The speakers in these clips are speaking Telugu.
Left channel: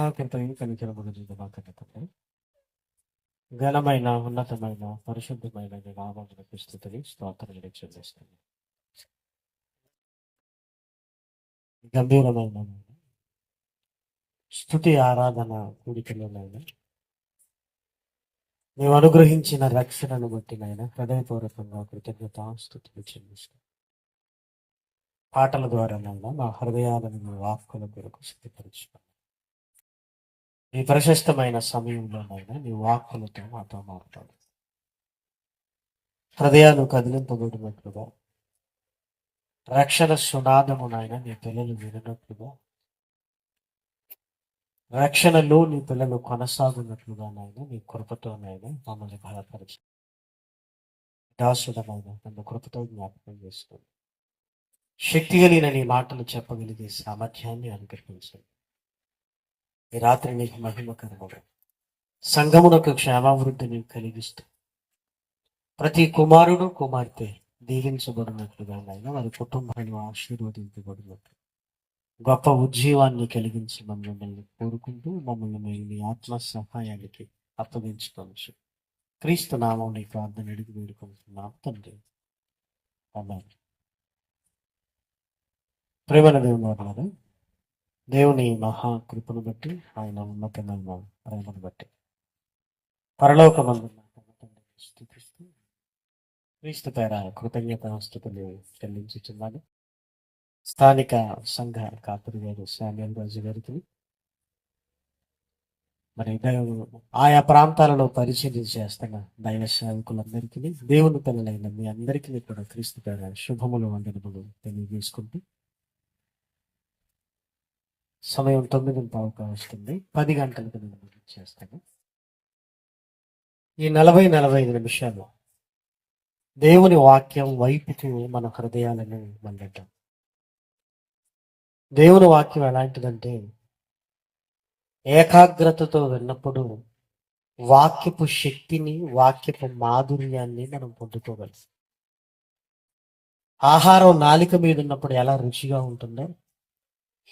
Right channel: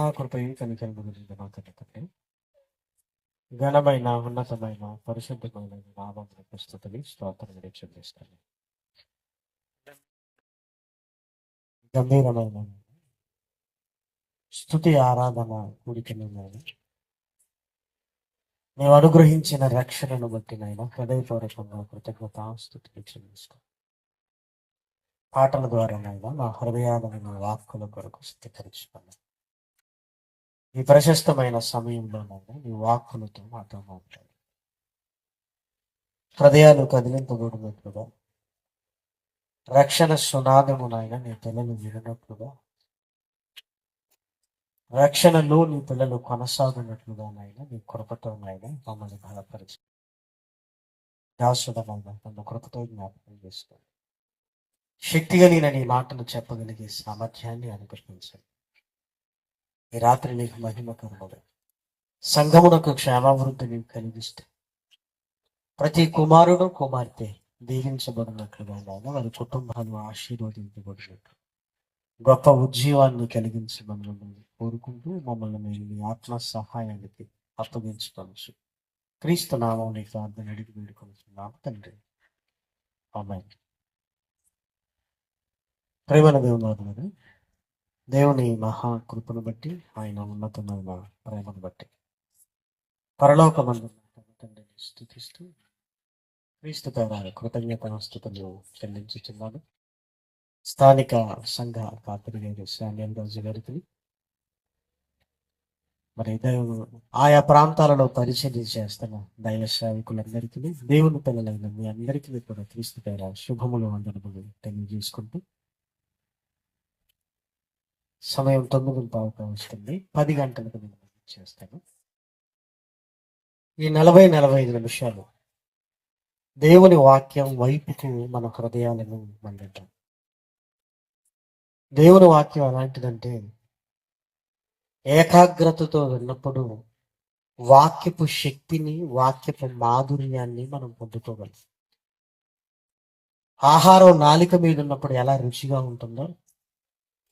మహాకృపయు కనికరమును మా తండ్రి, ఘనమైన ఉన్నతమైన పరిశుద్ధమైన నీ నామమునకు స్తుతులు స్తోత్రములు చెల్లిస్తాను. గంభీరమైన స్తుతి ఆరాధన కూడికలోనైనా నీవు అనుగ్రహించిన రక్షణను బట్టినైనా హృదయపూర్వకంగా కృతజ్ఞతాస్తుతులు చెల్లిస్తాను. పాటల ద్వారానైనా మా హృదయాలను మా వాక్కుల కొరకు శుద్ధీకరించుకున్నాను. ఈ ప్రశస్తమైన సమయంలోనైనా నీ వాక్కులతో మాతో మాట్లాడు. హృదయాలు కదిలింపబడినట్లుగా, రక్షణ సునాదమునైనా నీ పిల్లలు వినట్లుగా, రక్షణలో నీ పిల్లలు కొనసాగునట్లుగానైనా నీ కృపతోనైనా మమ్మల్ని బలపరిచి దాసుడమైన నన్ను కృపతో జ్ఞాపకం చేసుకోండి. శక్తి కలిగిన నీ మాటలు చెప్పగలిగే సామర్థ్యాన్ని అనుగ్రహించండి. ఈ రాత్రి నీకు మహిమకరముగా సంఘమునకు క్షేమావృద్ధిని కలిగిస్తూ ప్రతి కుమారుడు కుమార్తె దీవించబడినట్లుగా వారి కుటుంబాన్ని ఆశీర్వదించబడినట్లు గొప్ప ఉజ్జీవాన్ని కలిగించి మమ్మల్ని కోరుకుంటూ మమ్మల్ని మీరు మీ ఆత్మ సహాయానికి అప్పగించుకోవచ్చు. క్రీస్తు నామం నీకు అర్థం అడిగి వేడుకుంటున్నాము తండ్రి, ఆమేన్. ప్రేమన దేవుని దేవుని మహాకృపను బట్టి, ఆయన ఉన్నతమైన ప్రేమను బట్టి పరలోకమందున్న తండ్రిని స్తుతిస్తూ క్రీస్తు పేర కృతజ్ఞతాస్తుతులు చెల్లించుచున్నాను. స్థానిక సంఘ కాపరి గారు శామ్యూల్ రాజు గారికి, మరి ఆయా ప్రాంతాలలో పరిచయం చేస్తున్న దైవ సేవకులందరికీ, దేవుని పిల్లలైన మీ అందరికీ కూడా క్రీస్తు పేర శుభములు వందనములు తెలియజేసుకుంటూ, సమయం 9:15 వస్తుంది. 10 గంటలకు నేను చేస్తాను. ఈ 40-45 నిమిషాలు దేవుని వాక్యం వైపుకు మన హృదయాలను మళ్ళటం. దేవుని వాక్యం ఎలాంటిదంటే, ఏకాగ్రతతో విన్నప్పుడు వాక్యపు శక్తిని, వాక్యపు మాధుర్యాన్ని మనం పొందుకోగలం. ఆహారం నాలిక మీద ఉన్నప్పుడు ఎలా రుచిగా ఉంటుందో,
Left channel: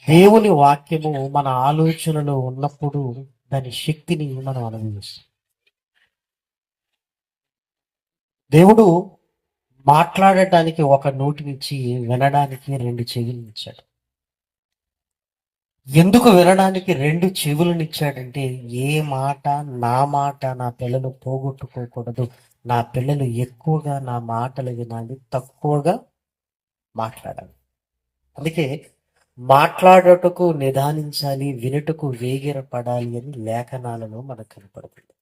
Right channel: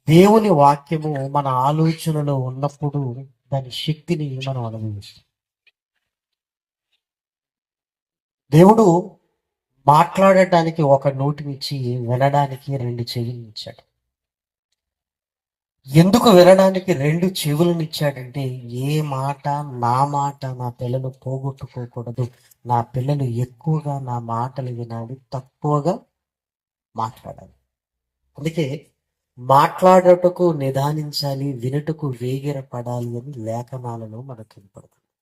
దేవుని వాక్యము మన ఆలోచనలో ఉన్నప్పుడు దాని శక్తిని మనం అనుభవిస్తాం. దేవుడు మాట్లాడటానికి ఒక నోటినిచ్చి వినడానికి 2 చెవులను ఇచ్చాడు. ఎందుకు వినడానికి 2 చెవులను ఇచ్చాడంటే, ఏ మాట నా పిల్లలు పోగొట్టుకోకూడదు, నా పిల్లలు ఎక్కువగా నా మాటలు వినాలి, తక్కువగా మాట్లాడాలి. అందుకే మాట్లాడటకు నిదానించాలి, వినుటకు వేగిరపడాలి అని లేఖనాలలో మనకు కనపడుతుంది.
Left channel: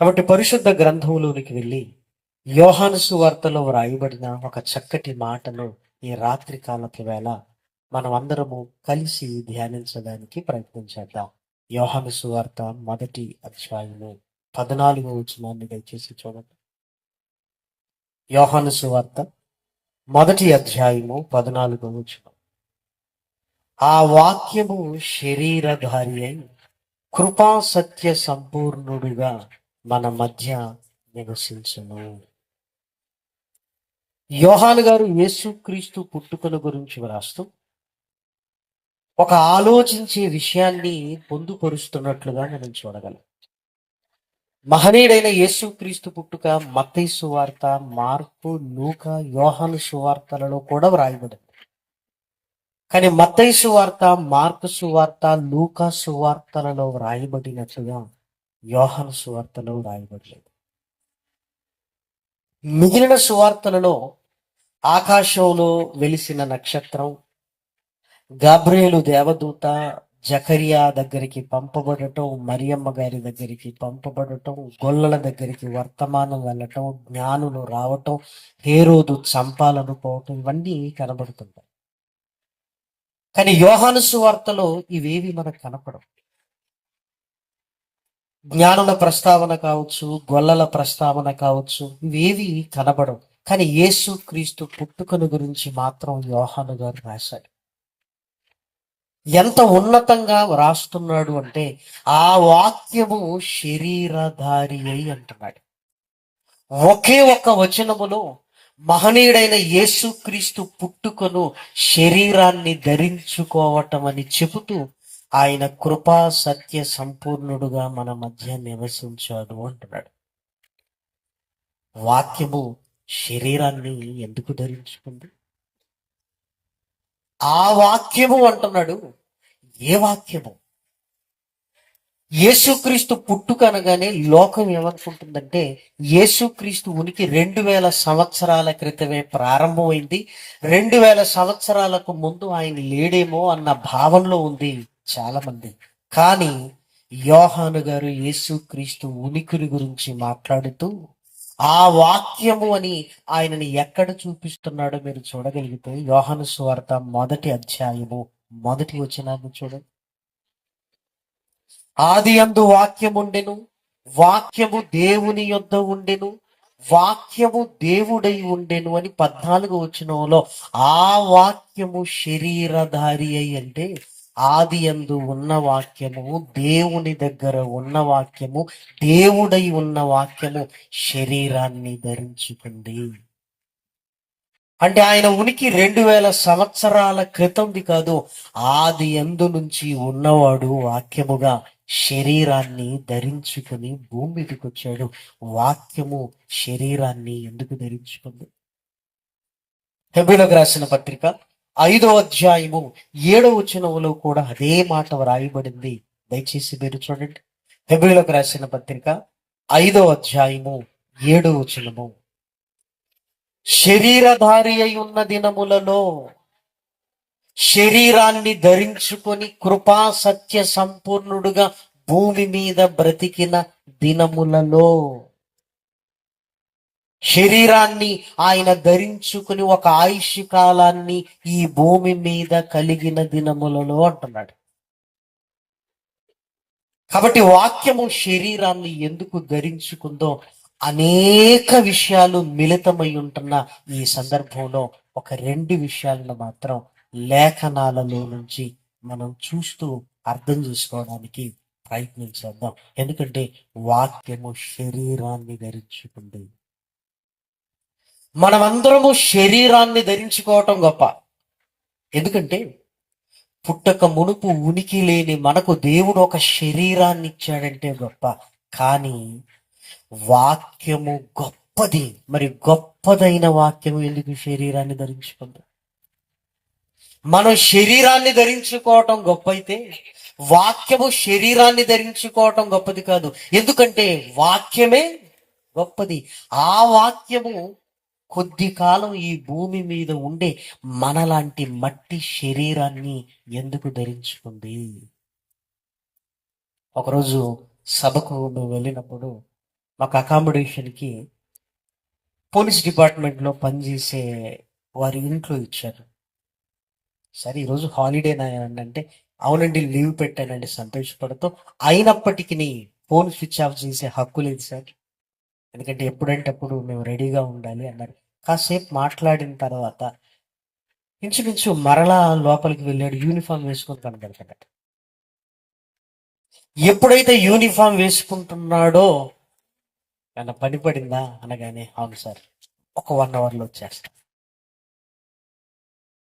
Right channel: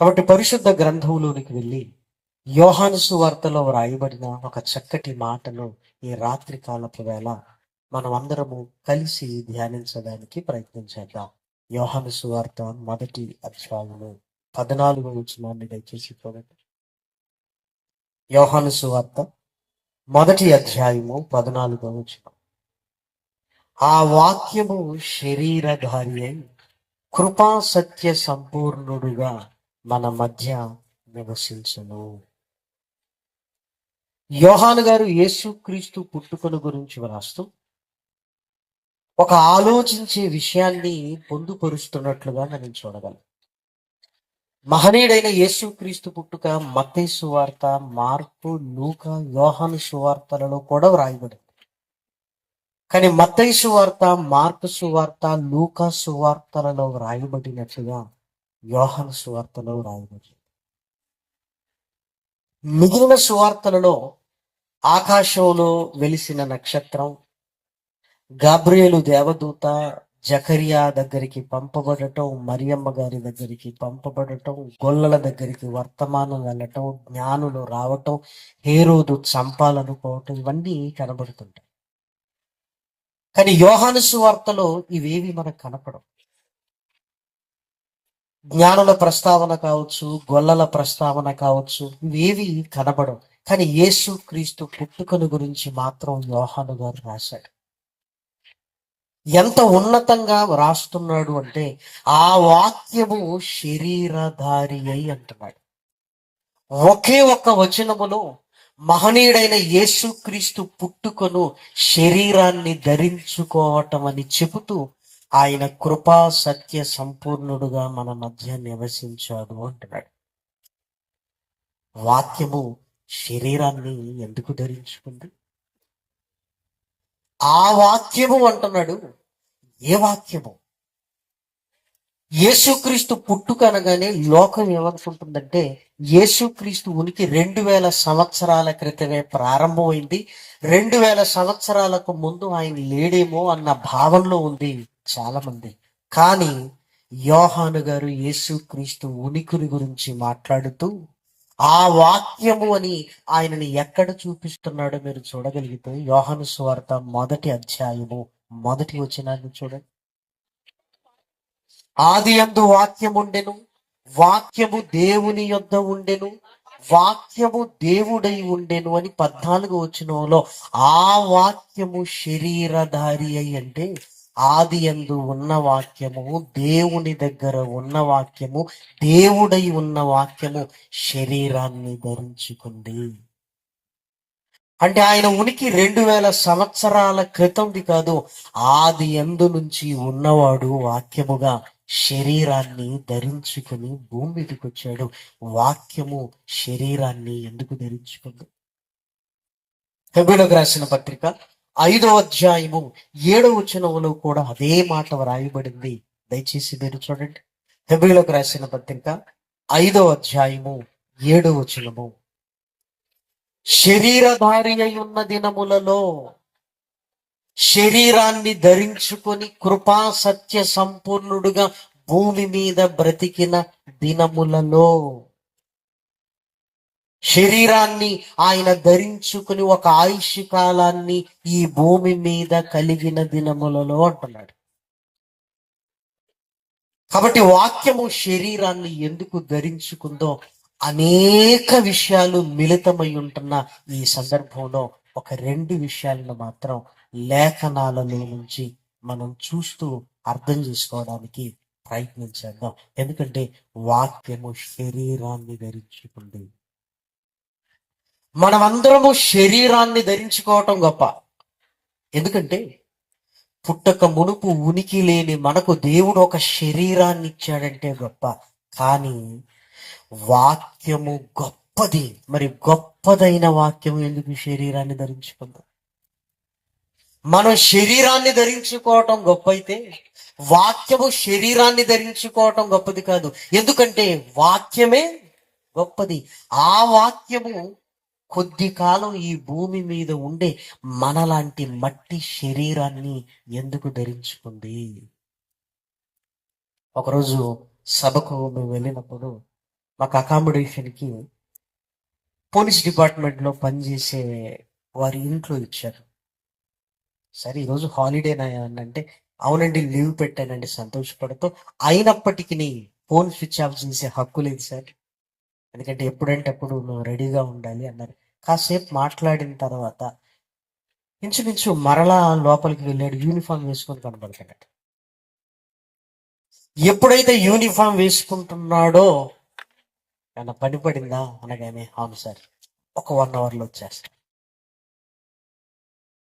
కాబట్టి పరిశుద్ధ గ్రంథంలోనికి వెళ్ళి యోహాను సువార్తలో వ్రాయబడిన ఒక చక్కటి మాటను ఈ రాత్రి కాలపు వేళ మనం అందరము కలిసి ధ్యానించడానికి ప్రయత్నించేద్దాం. యోహాను సువార్త 1వ అధ్యాయము 14వ వచనాన్ని దయచేసి చూడండి. యోహాను సువార్త 1వ అధ్యాయము 14వ వచనం. ఆ వాక్యము శరీరధారి అయి కృపా సత్య సంపూర్ణుడుగా మన మధ్య నివసించును. యోహాను గారు యేసుక్రీస్తు పుట్టుకను గురించి వ్రాస్తూ ఒక ఆలోచించే విషయాన్ని పొందుపరుస్తున్నట్లుగా మనం చూడగలం. మహనీయుడైన యేసుక్రీస్తు పుట్టుక మత్తయి సువార్త, మార్కు, లూకా, యోహాను సువార్తలలో కూడా వ్రాయబడింది. కానీ మత్తయి సువార్త, మార్కు సువార్త, లూకా సువార్తలలో వ్రాయబడినట్లుగా యోహాను సువార్తలో వ్రాయబడలేదు. మిగిలిన సువార్తలలో ఆకాశంలో వెలిసిన నక్షత్రం, గాబ్రియేలు దేవదూత జకరియా దగ్గరికి పంపబడటం, మరియమ్మ గారి దగ్గరికి పంపబడటం, గొల్లల దగ్గరికి వర్తమానం వెళ్ళటం, జ్ఞానులు రావటం, హేరోదు చంపాలను పోవటం, ఇవన్నీ కనబడుతుంటాయి. కానీ యోహాను సువార్తలో ఇవేవి మనకు కనపడవు. జ్ఞానుల ప్రస్తావన కావచ్చు, గొల్లల ప్రస్తావన కావచ్చు, ఇవేవి కనబడవు. కానీ యేసు క్రీస్తు పుట్టుకను గురించి మాత్రం యోహాను గారు రాశాడు. ఎంత ఉన్నతంగా రాస్తున్నాడు అంటే, ఆ వాక్యము శరీరధారి అయి అంటున్నాడు. ఒకే ఒక్క వచనములో మహనీయుడైన యేసుక్రీస్తు పుట్టుకను శరీరాన్ని ధరించుకోవటం అని చెబుతూ ఆయన కృపా సత్య సంపూర్ణుడుగా మన మధ్య నివసించాడు అంటున్నాడు. వాక్యము శరీరాన్ని ఎందుకు ధరించుకుంది? ఆ వాక్యము అంటున్నాడు. ఏ వాక్యము? యేసుక్రీస్తు పుట్టుక అనగానే లోకం ఏమనుకుంటుందంటే యేసుక్రీస్తు ఉనికి 2000 సంవత్సరాల క్రితమే ప్రారంభమైంది. 2000 సంవత్సరాలకు ముందు ఆయన లేడేమో అన్న భావనలో ఉంది చాలా మంది. కానీ యోహాను గారు యేసుక్రీస్తు ఉనికిని గురించి మాట్లాడుతూ ఆ వాక్యము అని ఆయనని ఎక్కడ చూపిస్తున్నాడో మీరు చూడగలిగితే యోహాను సువార్త 1వ అధ్యాయము 1వ వచనాన్ని చూడండి. ఆదియందు వాక్యముండెను, వాక్యము దేవుని యొద్ద ఉండెను, వాక్యము దేవుడై ఉండెను అని 14వ వచనంలో ఆ వాక్యము శరీరధారి అయి అంటే ఆదియందు ఉన్న వాక్యము, దేవుని దగ్గర ఉన్న వాక్యము, దేవుడై ఉన్న వాక్యము శరీరాన్ని ధరించుకుంది. అంటే ఆయన ఉనికి 2000 సంవత్సరాల క్రితంది కాదు, ఆది యందు నుంచి ఉన్నవాడు వాక్యముగా శరీరాన్ని ధరించుకుని భూమి మీదకి వచ్చాడు. వాక్యము శరీరాన్ని ఎందుకు ధరించుకుంది? హెబ్రీయులకు రాసిన పత్రిక 5వ అధ్యాయము 7వ వచనంలో కూడా అదే మాట వ్రాయబడింది. దయచేసి మీరు చూడండి. హెబ్రీయులకు రాసిన పత్రిక 5వ అధ్యాయము 7వ వచనము. శరీరధారి అయి ఉన్న దినములలో శరీరాన్ని ధరించుకొని కృపా సత్య సంపూర్ణుడుగా భూమి మీద బ్రతికిన దినములలో శరీరాన్ని ఆయన ధరించుకుని ఒక ఆయుష్ కాలాన్ని ఈ భూమి మీద కలిగిన దినములలో అంటున్నాడు. కాబట్టి వాక్యము శరీరాన్ని ఎందుకు ధరించుకుందో అనేక విషయాలు మిళితమై ఉంటున్న ఈ సందర్భంలో ఒక 2 విషయాలను మాత్రం లేఖనాలలో నుంచి మనం చూస్తూ అర్థం చేసుకోవడానికి ప్రయత్నించేద్దాం. ఎందుకంటే వాక్యము శరీరాన్ని ధరించుకుంది. మనమందరము శరీరాన్ని ధరించుకోవటం గొప్ప. ఎందుకంటే పుట్టక మునుపు ఉనికి లేని మనకు దేవుడు ఒక శరీరాన్ని ఇచ్చాడంటే గొప్ప. కానీ వాక్యము గొప్పది. మరి గొప్పదైన వాక్యము ఎందుకు శరీరాన్ని ధరించుకుంది? మనం శరీరాన్ని ధరించుకోవటం గొప్ప అయితే వాక్యము శరీరాన్ని ధరించుకోవటం గొప్పది కాదు. ఎందుకంటే వాక్యమే గొప్పది. ఆ వాక్యము కొద్ది కాలం ఈ భూమి మీద ఉండే మనలాంటి మట్టి శరీరాన్ని ఎందుకు ధరించుకుంది? ఒకరోజు సభకు మేము వెళ్ళినప్పుడు మాకు అకామిడేషన్కి పోలీస్ డిపార్ట్మెంట్లో పనిచేసే వారి ఇంట్లో ఇచ్చారు. సరే ఈరోజు హాలిడేనా అంటే అవునండి లీవ్ పెట్టానండి సంతోషపడుతూ. అయినప్పటికీ ఫోన్ స్విచ్ ఆఫ్ చేసే హక్కు లేదు సార్, ఎందుకంటే ఎప్పుడంటే అప్పుడు మేము రెడీగా ఉండాలి అన్నారు. కాసేపు మాట్లాడిన తర్వాత ఇంచుమించు మరలా లోపలికి వెళ్ళాడు. యూనిఫామ్ వేసుకొని కనబడతాడట. ఎప్పుడైతే యూనిఫామ్ వేసుకుంటున్నాడో ఏమన్నా పని పడిందా అనగానే అవును సార్, ఒక 1 అవర్లో వచ్చేస్తాను.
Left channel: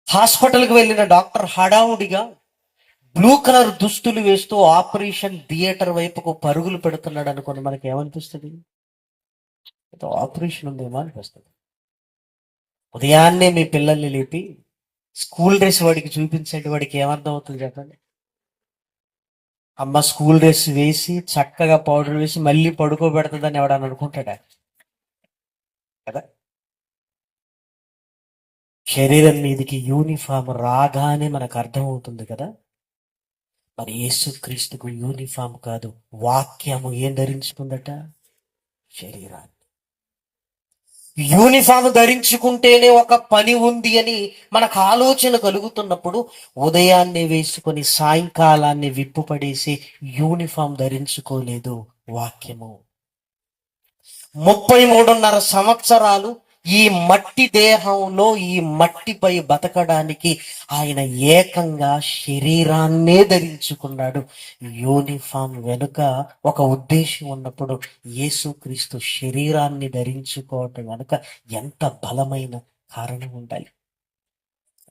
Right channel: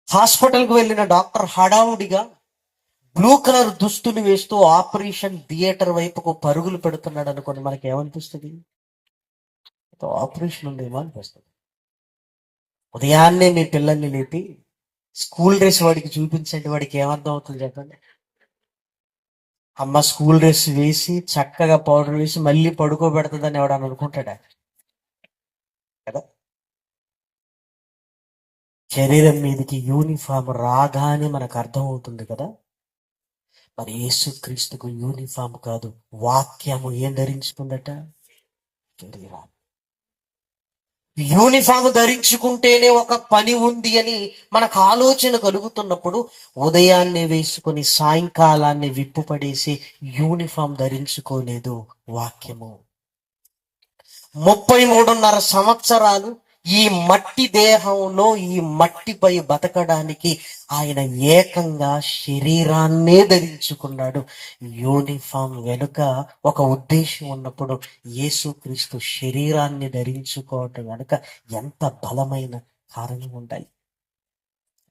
హాస్పిటల్కి వెళ్ళిన డాక్టర్ హడావుడిగా బ్లూ కలర్ దుస్తులు వేస్తూ ఆపరేషన్ థియేటర్ వైపుకు పరుగులు పెడుతున్నాడు అనుకోండి, మనకి ఏమనిపిస్తుంది? ఆపరేషన్ ఉందేమో అనిపిస్తుంది. ఉదయాన్నే మీ పిల్లల్ని లేపి స్కూల్ డ్రెస్ వాడికి చూపించండి, వాడికి ఏమర్థం అవుతుంది చెప్పండి? అమ్మ స్కూల్ డ్రెస్ వేసి చక్కగా పౌడర్ వేసి మళ్ళీ పడుకోబెడుతుందని ఎవడని అనుకుంటాడా కదా? శరీరం మీదకి యూనిఫామ్ రాగానే మనకు అర్థమవుతుంది కదా. మరి యేసుక్రీస్తుకు యూనిఫామ్ కాదు, వాక్యము ఏం ధరించుకుందట? శరీరాన్ని. యూనిఫామ్ ధరించుకుంటేనే ఒక పని ఉంది అని మనకు ఆలోచన కలుగుతున్నప్పుడు ఉదయాన్నే వేసుకొని సాయంకాలాన్ని విప్పుపడేసి యూనిఫామ్ ధరించుకోలేదు వాక్యము. 33.5 సంవత్సరాలు ఈ మట్టి దేహంలో ఈ మట్టిపై బతకడానికి ఆయన ఏకంగా శరీరాన్నే ధరించుకున్నాడు. యూనిఫామ్ వెనుక ఒక ఉద్దేశం ఉన్నప్పుడు యేసుక్రీస్తు శరీరాన్ని ధరించుకోవటం వెనుక ఎంత బలమైన కారణం ఉండాలి,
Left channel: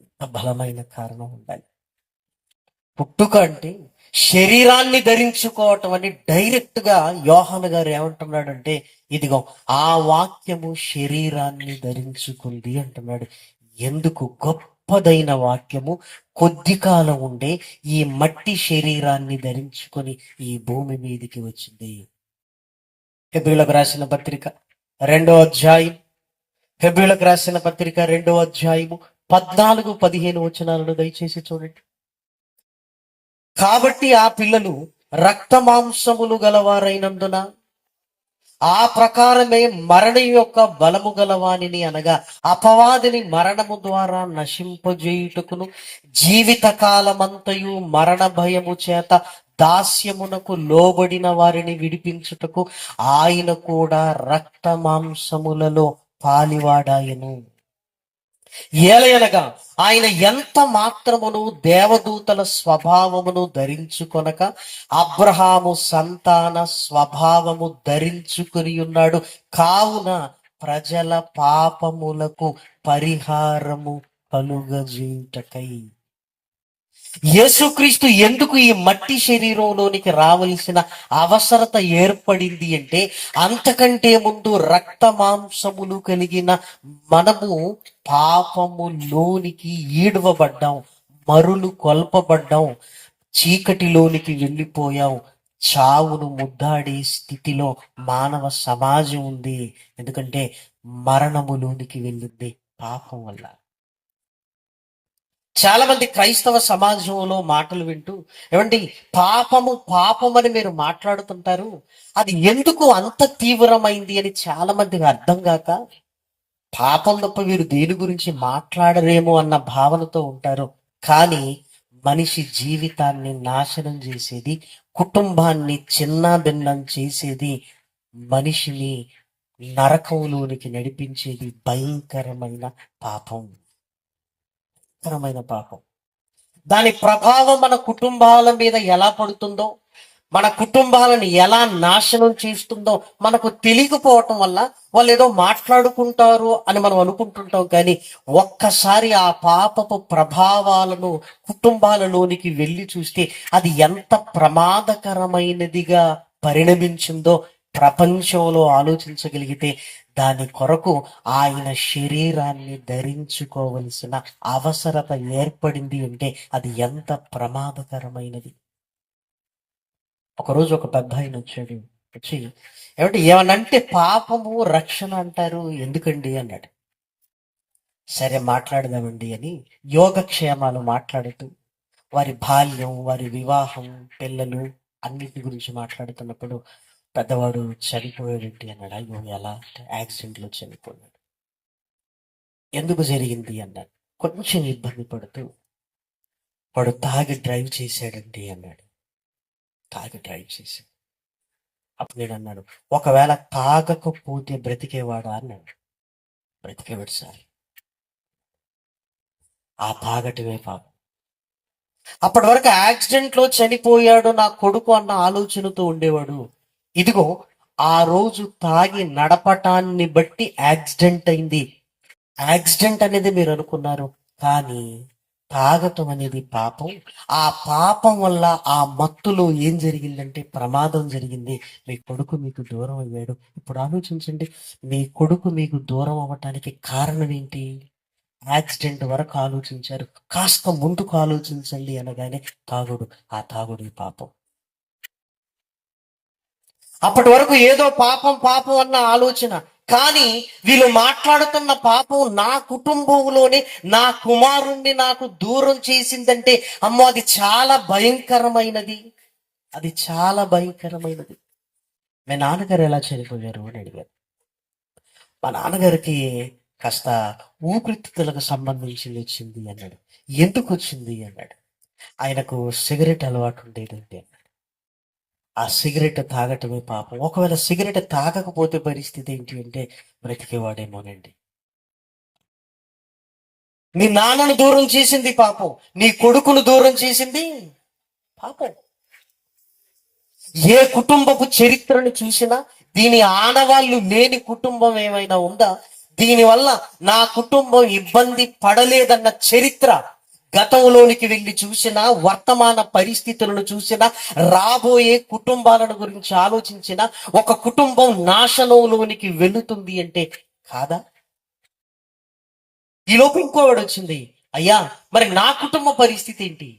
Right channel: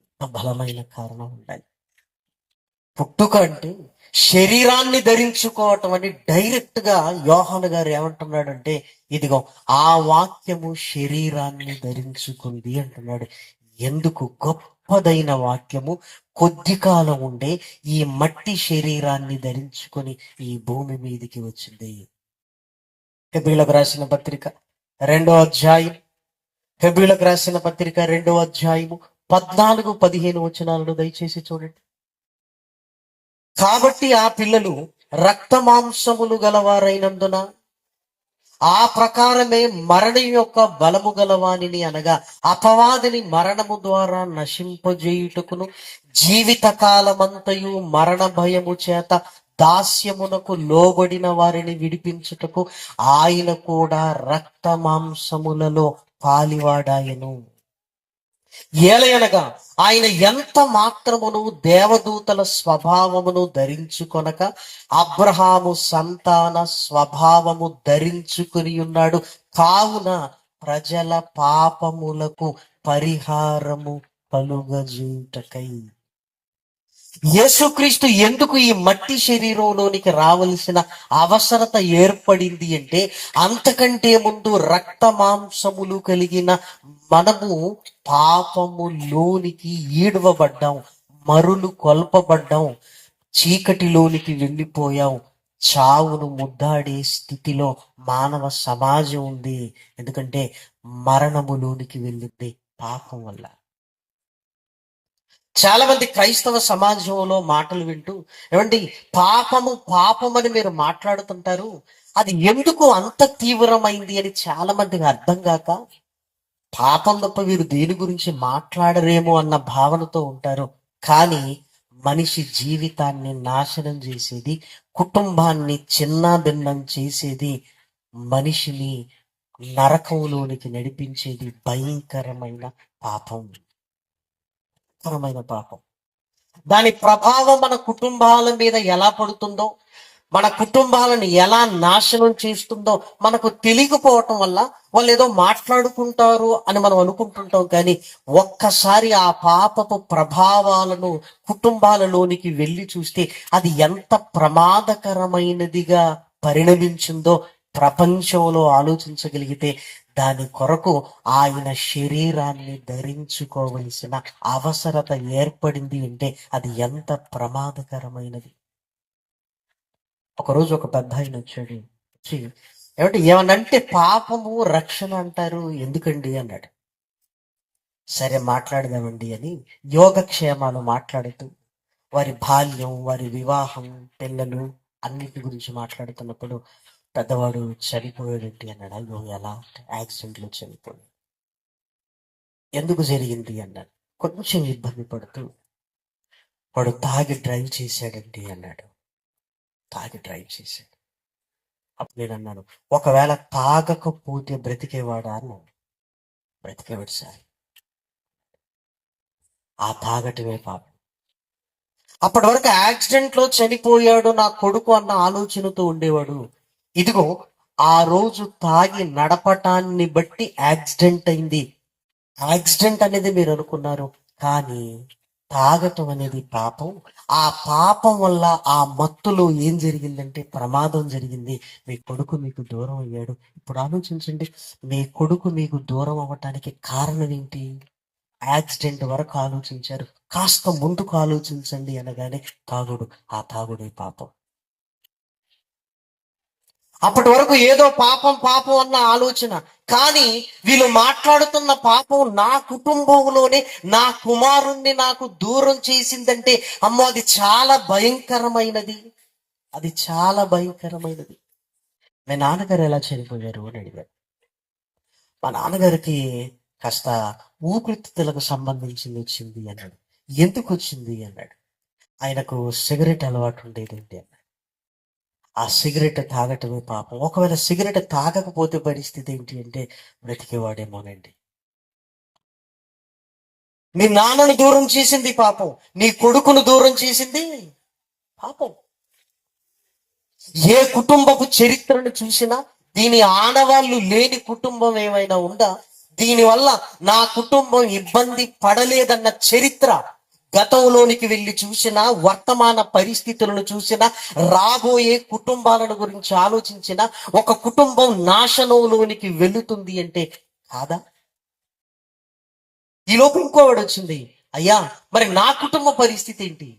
ఎంత బలమైన కారణం ఉండాలి. పుట్టుక అంటే శరీరాన్ని ధరించుకోవటం అని డైరెక్ట్ గా యోహాను గారు ఏమంటున్నాడంటే, ఇదిగో ఆ వాక్యము శరీరాన్ని ధరించుకుంది అంటున్నాడు. ఎందుకు? గొప్పదైన వాక్యము కొద్ది కాలం ఉండే ఈ మట్టి శరీరాన్ని ధరించుకొని ఈ భూమి మీదికి వచ్చింది. హెబ్రీయులకు రాసిన పత్రిక 2వ అధ్యాయం, హెబ్రీయులకు రాసిన పత్రిక 2వ అధ్యాయము 14-15 వచనాలను దయచేసి చూడండి. కాబట్టి ఆ పిల్లలు రక్త మాంసములు గలవారైనందున ఆ ప్రకారమే మరణం యొక్క బలము గలవానిని, అనగా అపవాదిని మరణము ద్వారా నశింపజేయుటకును, జీవిత కాలమంతయు మరణ భయము చేత దాస్యమునకు లోబడిన వారిని విడిపించుటకు ఆయన కూడా రక్త మాంసములలో పాలివాడాయను. ఏలయనగా ఆయన ఎంత మాత్రమును దేవదూతల స్వభావమును ధరించుకొనక అబ్రహాము సంతాన స్వభావము ధరించుకుని ఉన్నాడు. కావున ప్రజల పాపములకు పరిహారము కలుగజేయుటకై. యేసుక్రీస్తు ఎందుకు ఈ మట్టి శరీరంలోనికి రావలసిన అవసరత ఏర్పడింది అంటే, అంతకంటే ముందు రక్త మాంసములు కలిగిన మనము పాపములోనికి ఈడవబడ్డాం, మరులు కొల్పబడ్డాం, చీకటిలోనికి వెళ్ళిపోయాం, చావును ముద్దాడే స్థితిలో మానవ సమాజం ఉంది. ఎందుకంటే మరణములోనికి వెళ్ళింది పాపం వల్ల. చాలా మంది క్రైస్తవ సమాజంలో మాటలు వింటూ, ఏమండి పాపము పాపమని మీరు మాట్లాడుతుంటారు, అది ఎందుకు అంత తీవ్రమైంది అని చాలా మందికి అర్థం కాక, పాపం తప్ప వీరు దేని గురించి మాట్లాడరేమో అన్న భావనతో ఉంటారు. కానీ మనిషి జీవితాన్ని నాశనం చేసేది, కుటుంబాన్ని చిన్నాభిన్నం చేసేది, మనిషిని నరకంలోనికి నడిపించేది భయంకరమైన పాపం. పాపం. దాని ప్రభావం మన కుటుంబాల మీద ఎలా పడుతుందో, మన కుటుంబాలను ఎలా నాశనం చేస్తుందో మనకు తెలియకపోవటం వల్ల వాళ్ళు ఏదో మాట్లాడుకుంటారు అని మనం అనుకుంటుంటాం. కానీ ఒక్కసారి ఆ పాపపు ప్రభావాలను కుటుంబాలలోనికి వెళ్ళి చూస్తే అది ఎంత ప్రమాదకరమైనదిగా పరిణమించిందో ప్రపంచంలో ఆలోచించగలిగితే, దాని కొరకు ఆయన శరీరాన్ని ధరించుకోవలసిన అవసరత ఏర్పడింది అంటే అది ఎంత ప్రమాదకరమైనది. ఒకరోజు ఒక పెద్ద ఆయన వచ్చి ఏమనంటే పాపము రక్షణ అంటారు ఎందుకండి అన్నాడు. సరే మాట్లాడదామండి అని యోగక్షేమాలు మాట్లాడుతూ వారి బాల్యం, వారి వివాహం, పిల్లలు అన్నిటి గురించి మాట్లాడుతున్నప్పుడు పెద్దవాడు చనిపోయాడండి అన్నాడు. అయ్యో ఎలా? యాక్సిడెంట్లో చనిపోయాడు. ఎందుకు జరిగింది అన్నాడు. కొంచెం ఇబ్బంది పడుతూ, వాడు తాగి డ్రైవ్ చేశాడండి అన్నాడు. తాగి డ్రైవ్ చేశాడు. అప్పుడు నేను అన్నాను, ఒకవేళ తాగకపోతే బ్రతికేవాడా అన్నాడు. బ్రతికేవాడు సార్. ఆ తాగటమే పాపం. అప్పటి వరకు యాక్సిడెంట్లో చనిపోయాడు నా కొడుకు అన్న ఆలోచనతో ఉండేవాడు. ఇదిగో ఆ రోజు తాగి నడపటాన్ని బట్టి యాక్సిడెంట్ అయింది. యాక్సిడెంట్ అనేది మీరు అనుకున్నారు, కానీ తాగటం అనేది పాపం. ఆ పాపం వల్ల ఆ మత్తులో ఏం జరిగిందంటే ప్రమాదం జరిగింది. మీ కొడుకు మీకు దూరం అయ్యాడు. ఇప్పుడు ఆలోచించండి, మీ కొడుకు మీకు దూరం అవ్వటానికి కారణం ఏంటి? యాక్సిడెంట్ వరకు ఆలోచించారు, కాస్త ముందుకు ఆలోచించండి అనగానే తాగుడు. ఆ తాగుడు పాపం. అప్పటి వరకు ఏదో పాపం పాపం అన్న ఆలోచన, కానీ వీళ్ళు మాట్లాడుతున్న పాపం నా కుటుంబంలోనే నా కుమారుణ్ణి నాకు దూరం చేసిందంటే అమ్మో అది చాలా భయంకరమైనది. అది చాలా భయంకరమైనది. మీ నాన్నగారు ఎలా చనిపోయారు అని అడిగారు. మా నాన్నగారికి కాస్త ఊపిరితిత్తులకు సంబంధించింది వచ్చింది అన్నాడు. ఎందుకు వచ్చింది అన్నాడు. ఆయనకు సిగరెట్ అలవాటు ఉండేదండి అన్నాడు. ఆ సిగరెట్ తాగటమే పాపం. ఒకవేళ సిగరెట్ తాగకపోతే పరిస్థితి ఏంటి అంటే బ్రతికేవాడేమోనండి. నీ నాన్నను దూరం చేసింది పాపం, నీ కొడుకును దూరం చేసింది పాపం. ఏ కుటుంబపు చరిత్రను చూసినా దీని ఆనవాళ్ళు లేని కుటుంబం ఏమైనా ఉందా? దీనివల్ల నా కుటుంబం ఇబ్బంది పడలేదన్న చరిత్ర గతంలోనికి వెళ్ళి చూసినా, వర్తమాన పరిస్థితులను చూసినా, రాబోయే కుటుంబాలను గురించి ఆలోచించిన ఒక కుటుంబం నాశనంలోనికి వెళుతుంది అంటే కాదా? ఈలోపు ఇంకోవాడు వచ్చింది, అయ్యా మరి నా కుటుంబ పరిస్థితి ఏంటి?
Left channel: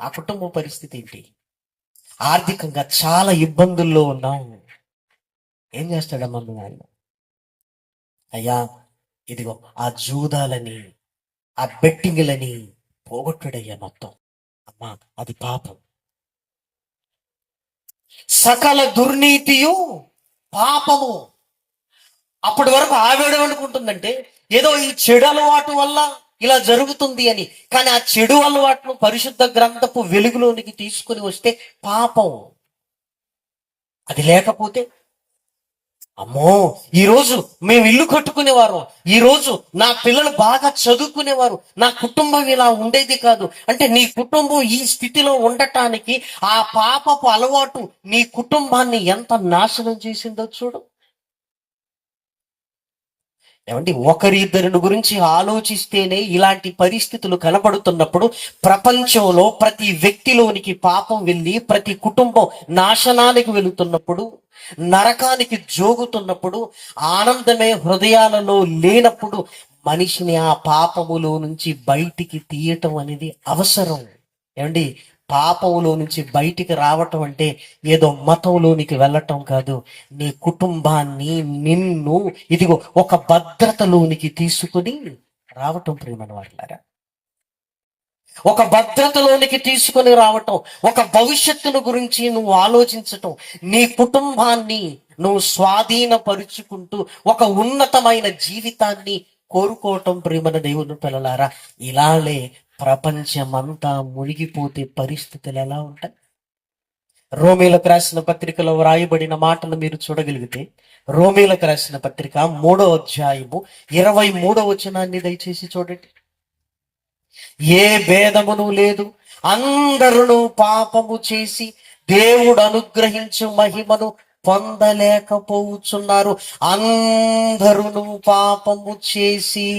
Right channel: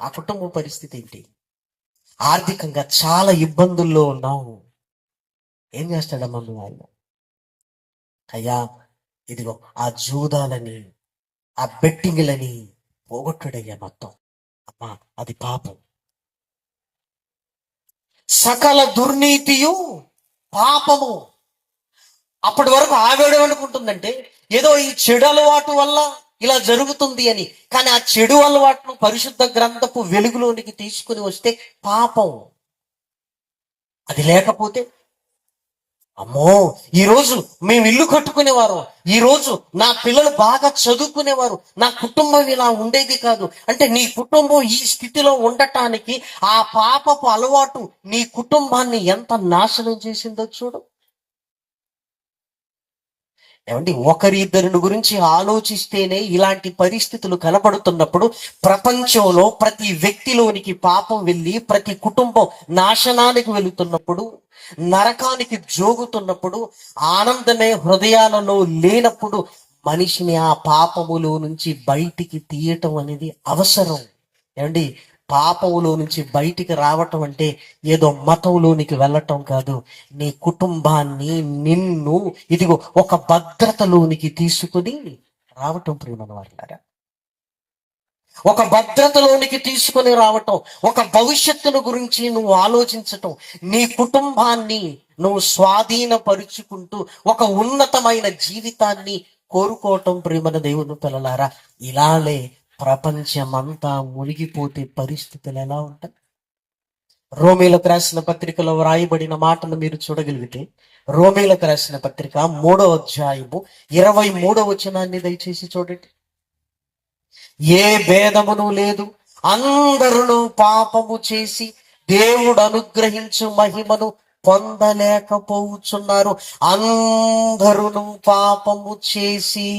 నా కుటుంబ పరిస్థితి ఏంటి? ఆర్థికంగా చాలా ఇబ్బందుల్లో ఉన్నాము. ఏం చేస్తాడమ్మా నువ్వు? ఆయన, అయ్యా ఇదిగో ఆ జూదాలని, ఆ బెట్టింగ్లని పోగొట్టుడయ్యా మొత్తం. అమ్మా అది పాపం. సకల దుర్నీతియు పాపము. అప్పటి వరకు ఆవిడేమనుకుంటుందంటే ఏదో ఈ చెడు అలవాటు వల్ల ఇలా జరుగుతుంది అని. కానీ ఆ చెడు అలవాటును పరిశుద్ధ గ్రంథపు వెలుగులోనికి తీసుకుని వస్తే పాపం. అది లేకపోతే అమ్మో, ఈ రోజు మేము ఇల్లు కట్టుకునేవారు, ఈ రోజు నా పిల్లలు బాగా చదువుకునేవారు, నా కుటుంబం ఇలా ఉండేది కాదు అంటే నీ కుటుంబం ఈ స్థితిలో ఉండటానికి ఆ పాపపు అలవాటు నీ కుటుంబాన్ని ఎంత నాశనం చేసిందో చూడు. ఏమండి, ఒకరిద్దరిని గురించి ఆలోచిస్తేనే ఇలాంటి పరిస్థితులు కనబడుతున్నప్పుడు, ప్రపంచంలో ప్రతి వ్యక్తిలోనికి పాపం వెళ్ళి ప్రతి కుటుంబం నాశనానికి వెళుతున్నప్పుడు, నరకానికి జోగుతున్నప్పుడు, ఆనందమే హృదయాలలో లేనప్పుడు మనిషిని ఆ పాపములో నుంచి బయటికి తీయటం అనేది అవసరం. ఏమండి, పాపంలో నుంచి బయటికి రావటం అంటే ఏదో మతంలోనికి వెళ్ళటం కాదు. నీ కుటుంబాన్ని, నిన్ను ఇదిగో ఒక భద్రతలోనికి తీసుకుని రావటం. ప్రియమైన వాళ్ళారా, ఒక భద్రతలోనికి తీసుకొని రావటం, ఒక భవిష్యత్తును గురించి నువ్వు ఆలోచించటం, నీ కుటుంబాన్ని నువ్వు స్వాధీనపరుచుకుంటూ ఒక ఉన్నతమైన జీవితాన్ని కోరుకోవటం. ప్రియమైన దేవుని పిల్లలారా, ఇలానే ప్రపంచమంతా మునిగిపోతే పరిస్థితులు ఎలా ఉంటాయి? రోమీలకు రాసిన పత్రికలో వ్రాయబడిన మాటను మీరు చూడగలిగితే, రోమీలకు రాసిన పత్రిక 3వ అధ్యాయము 23వ వచనాన్ని దయచేసి చూడండి. ఏ భేదమును లేదు, అందరూ పాపము చేసి దేవుడు అనుగ్రహించు మహిమను పొందలేకపోతున్నారు. అందరూ పాపము చేసి.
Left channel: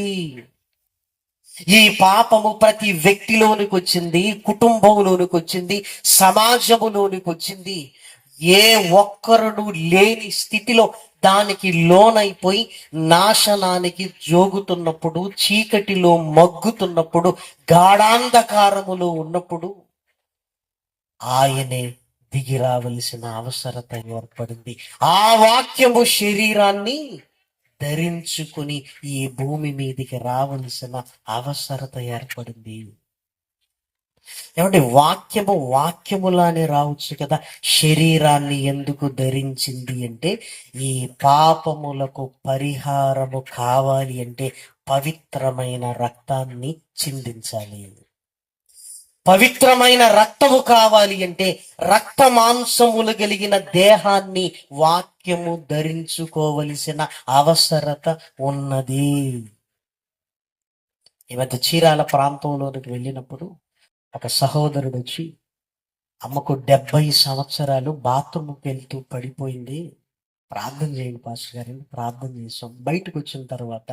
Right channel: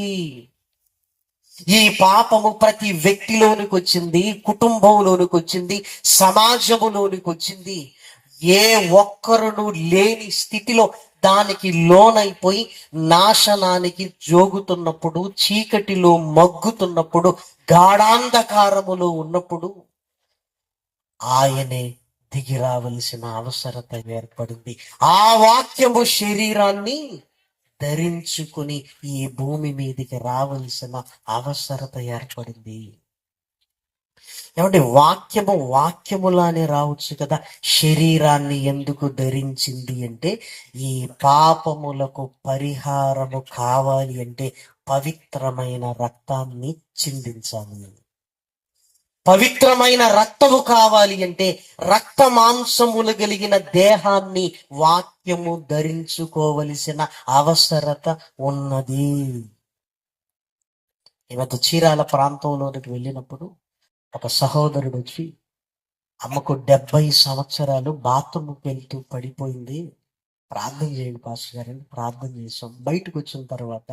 ఈ పాపము ప్రతి వ్యక్తిలోనికి వచ్చింది, కుటుంబంలోనికి వచ్చింది, సమాజములోనికి వచ్చింది. ఏ ఒక్కరును లేని స్థితిలో దానికి లోనైపోయి నాశనానికి జోగుతున్నప్పుడు, చీకటిలో మగ్గుతున్నప్పుడు, గాఢాంధకారములో ఉన్నప్పుడు ఆయనే దిగి రావలసిన అవసరత ఏర్పడింది. ఆ వాక్యము శరీరాన్ని ధరించుకుని ఈ భూమి మీదకి రావలసిన అవసరత ఏర్పడింది. ఏమంటే వాక్యములానే రావచ్చు కదా. శరీరాన్ని ఎందుకు ధరించింది అంటే, ఈ పాపములకు పరిహారము కావాలి అంటే పవిత్రమైన రక్తాన్ని చిందించాలి. పవిత్రమైన రక్తము కావాలి అంటే రక్త మాంసములు కలిగిన దేహాన్ని వాక్యము ధరించుకోవలసిన అవసరత ఉన్నది. ఈ మధ్య చీరాల ప్రాంతంలోనికి వెళ్ళినప్పుడు ఒక సహోదరుడు వచ్చి, అమ్మకు 70 సంవత్సరాలు, బాత్రూమ్కి వెళ్తూ పడిపోయింది, ప్రార్థన చేయండి పాస్టర్ గారు. ప్రార్థన చేసాం. బయటకు వచ్చిన తర్వాత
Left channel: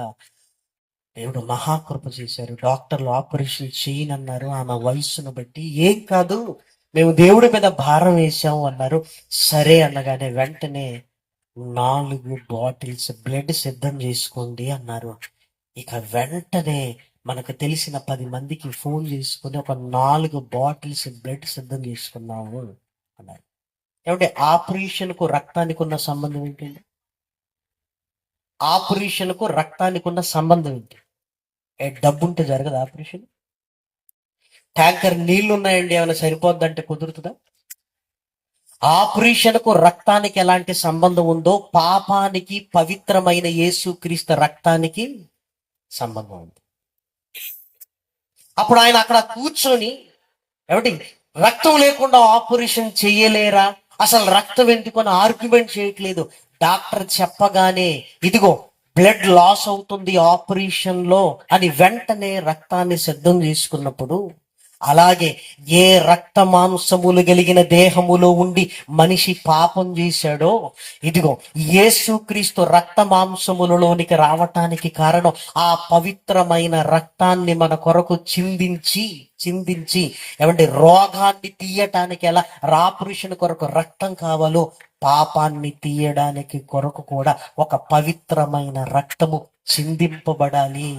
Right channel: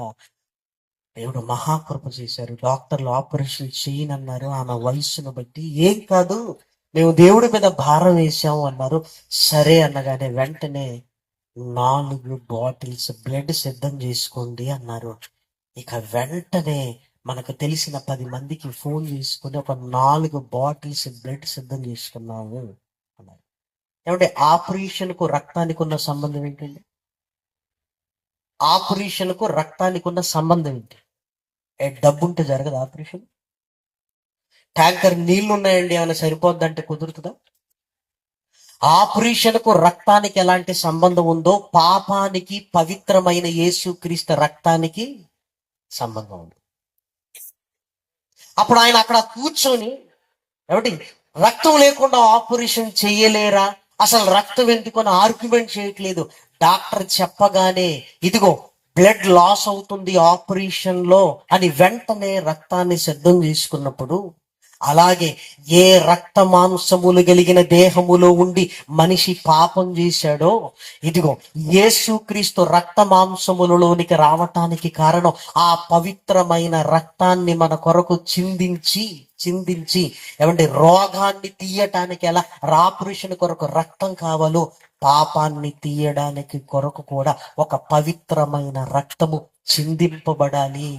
దేవుడు మహాకృప చేశారు. డాక్టర్లు ఆపరేషన్ చేయనన్నారు. ఆమె వయస్సును బట్టి ఏం కాదు, మేము దేవుడి మీద భారం వేసాము అన్నారు. సరే అనగానే వెంటనే 4 బాటిల్స్ బ్లడ్ సిద్ధం చేసుకోండి అన్నారు. ఇక వెంటనే మనకు తెలిసిన 10 మందికి ఫోన్ చేసుకుని ఒక 4 బాటిల్స్ బ్లడ్ సిద్ధం చేసుకున్నాము అన్నారు. ఏమంటే ఆపరేషన్కు రక్తానికి ఉన్న సంబంధం ఏంటండి? ఆపరేషన్కు రక్తానికి ఉన్న సంబంధం ఏంటి? డబ్బు ఉంటే జరగదు ఆపరేషన్. ట్యాంకర్ నీళ్లు ఉన్నాయండి, ఏమైనా సరిపోద్దంటే కుదురుతుందా? ఆపరేషన్కు రక్తానికి ఎలాంటి సంబంధం ఉందో పాపానికి పవిత్రమైన యేసుక్రీస్తు రక్తానికి సంబంధం ఉంది. అప్పుడు ఆయన అక్కడ కూర్చొని, ఏమిటి రక్తం లేకుండా ఆపరేషన్ చేయలేరా, అసలు రక్తం ఎందుకొని ఆర్గ్యుమెంట్ చేయట్లేదు. డాక్టర్ చెప్పగానే ఇదిగో బ్లడ్ లాస్ అవుతుంది ఆపరేషన్ లో అని వెంటనే రక్తాన్ని సిద్ధం చేసుకున్నప్పుడు అలాగే ఏ రక్త మాంసములు కలిగిన దేహములో ఉండి మనిషి పాపం చేశాడో, ఇదిగో యేసుక్రీస్తు రక్త మాంసములలోనికి రావటానికి కారణం ఆ పవిత్రమైన రక్తాన్ని మన కొరకు చిందించి ఏమంటే రోగాన్ని తీయటానికి ఎలా ఆపరేషన్ కొరకు రక్తం కావాలో, పాపాన్ని తీయడానికి కొరకు కూడా ఒక పవిత్రమైన రక్తము చిందింపబడాలి.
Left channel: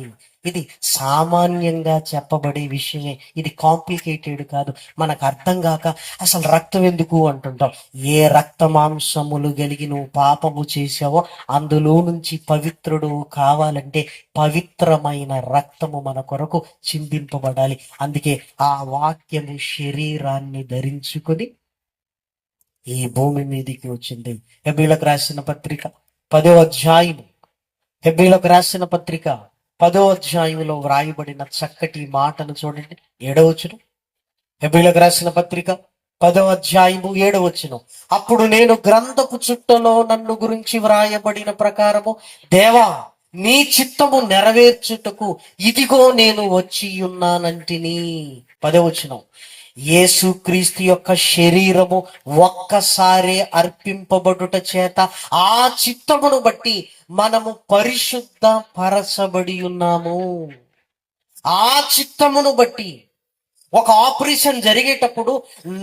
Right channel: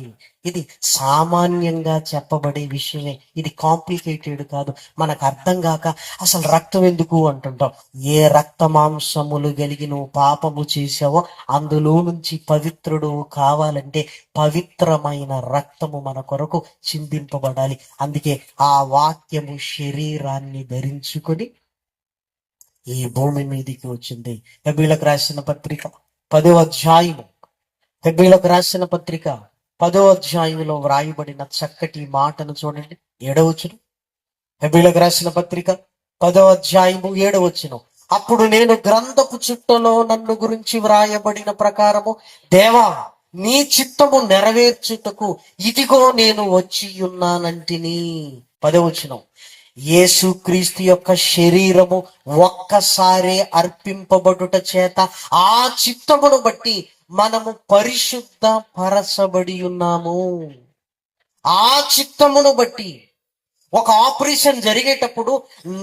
ఇది సామాన్యంగా చెప్పబడే విషయమే, ఇది కాంప్లికేటెడ్ కాదు. మనకు అర్థం కాక అసలు రక్తం ఎందుకు అంటుంటాం. ఏ రక్త మాంసములు కలిగి నువ్వు పాపము చేసావో అందులో నుంచి పవిత్రుడు కావాలంటే పవిత్రమైన రక్తము మన కొరకు చిందింపబడాలి. అందుకే ఆ వాక్యము శరీరాన్ని ధరించుకొని ఈ భూమి మీదికి వచ్చింది. హెబ్రీయులకు రాసిన పత్రిక 10వ అధ్యాయము, హెబ్రీయులకు రాసిన పత్రిక 10వ అధ్యాయంలో వ్రాయబడిన చక్కటి మాటను చూడండి. 7వ వచనం, హెబ్రీయులకు రాసిన పత్రిక 10వ అధ్యాయము 7వ వచనం. అప్పుడు నేను గ్రంథపు చుట్టలో నన్ను గురించి వ్రాయబడిన ప్రకారము, దేవా నీ చిత్తము నెరవేర్చుటకు ఇదిగో నేను వచ్చి ఉన్నానంటిని. 10వ వచనం, యేసుక్రీస్తు యొక్క శరీరము ఒక్కసారి అర్పింపబడుట చేత ఆ చిత్తమును బట్టి మనము పరిశుద్ధ పరచబడి ఉన్నాము. ఆ చిత్తమును బట్టి ఒక ఆపరేషన్ జరిగేటప్పుడు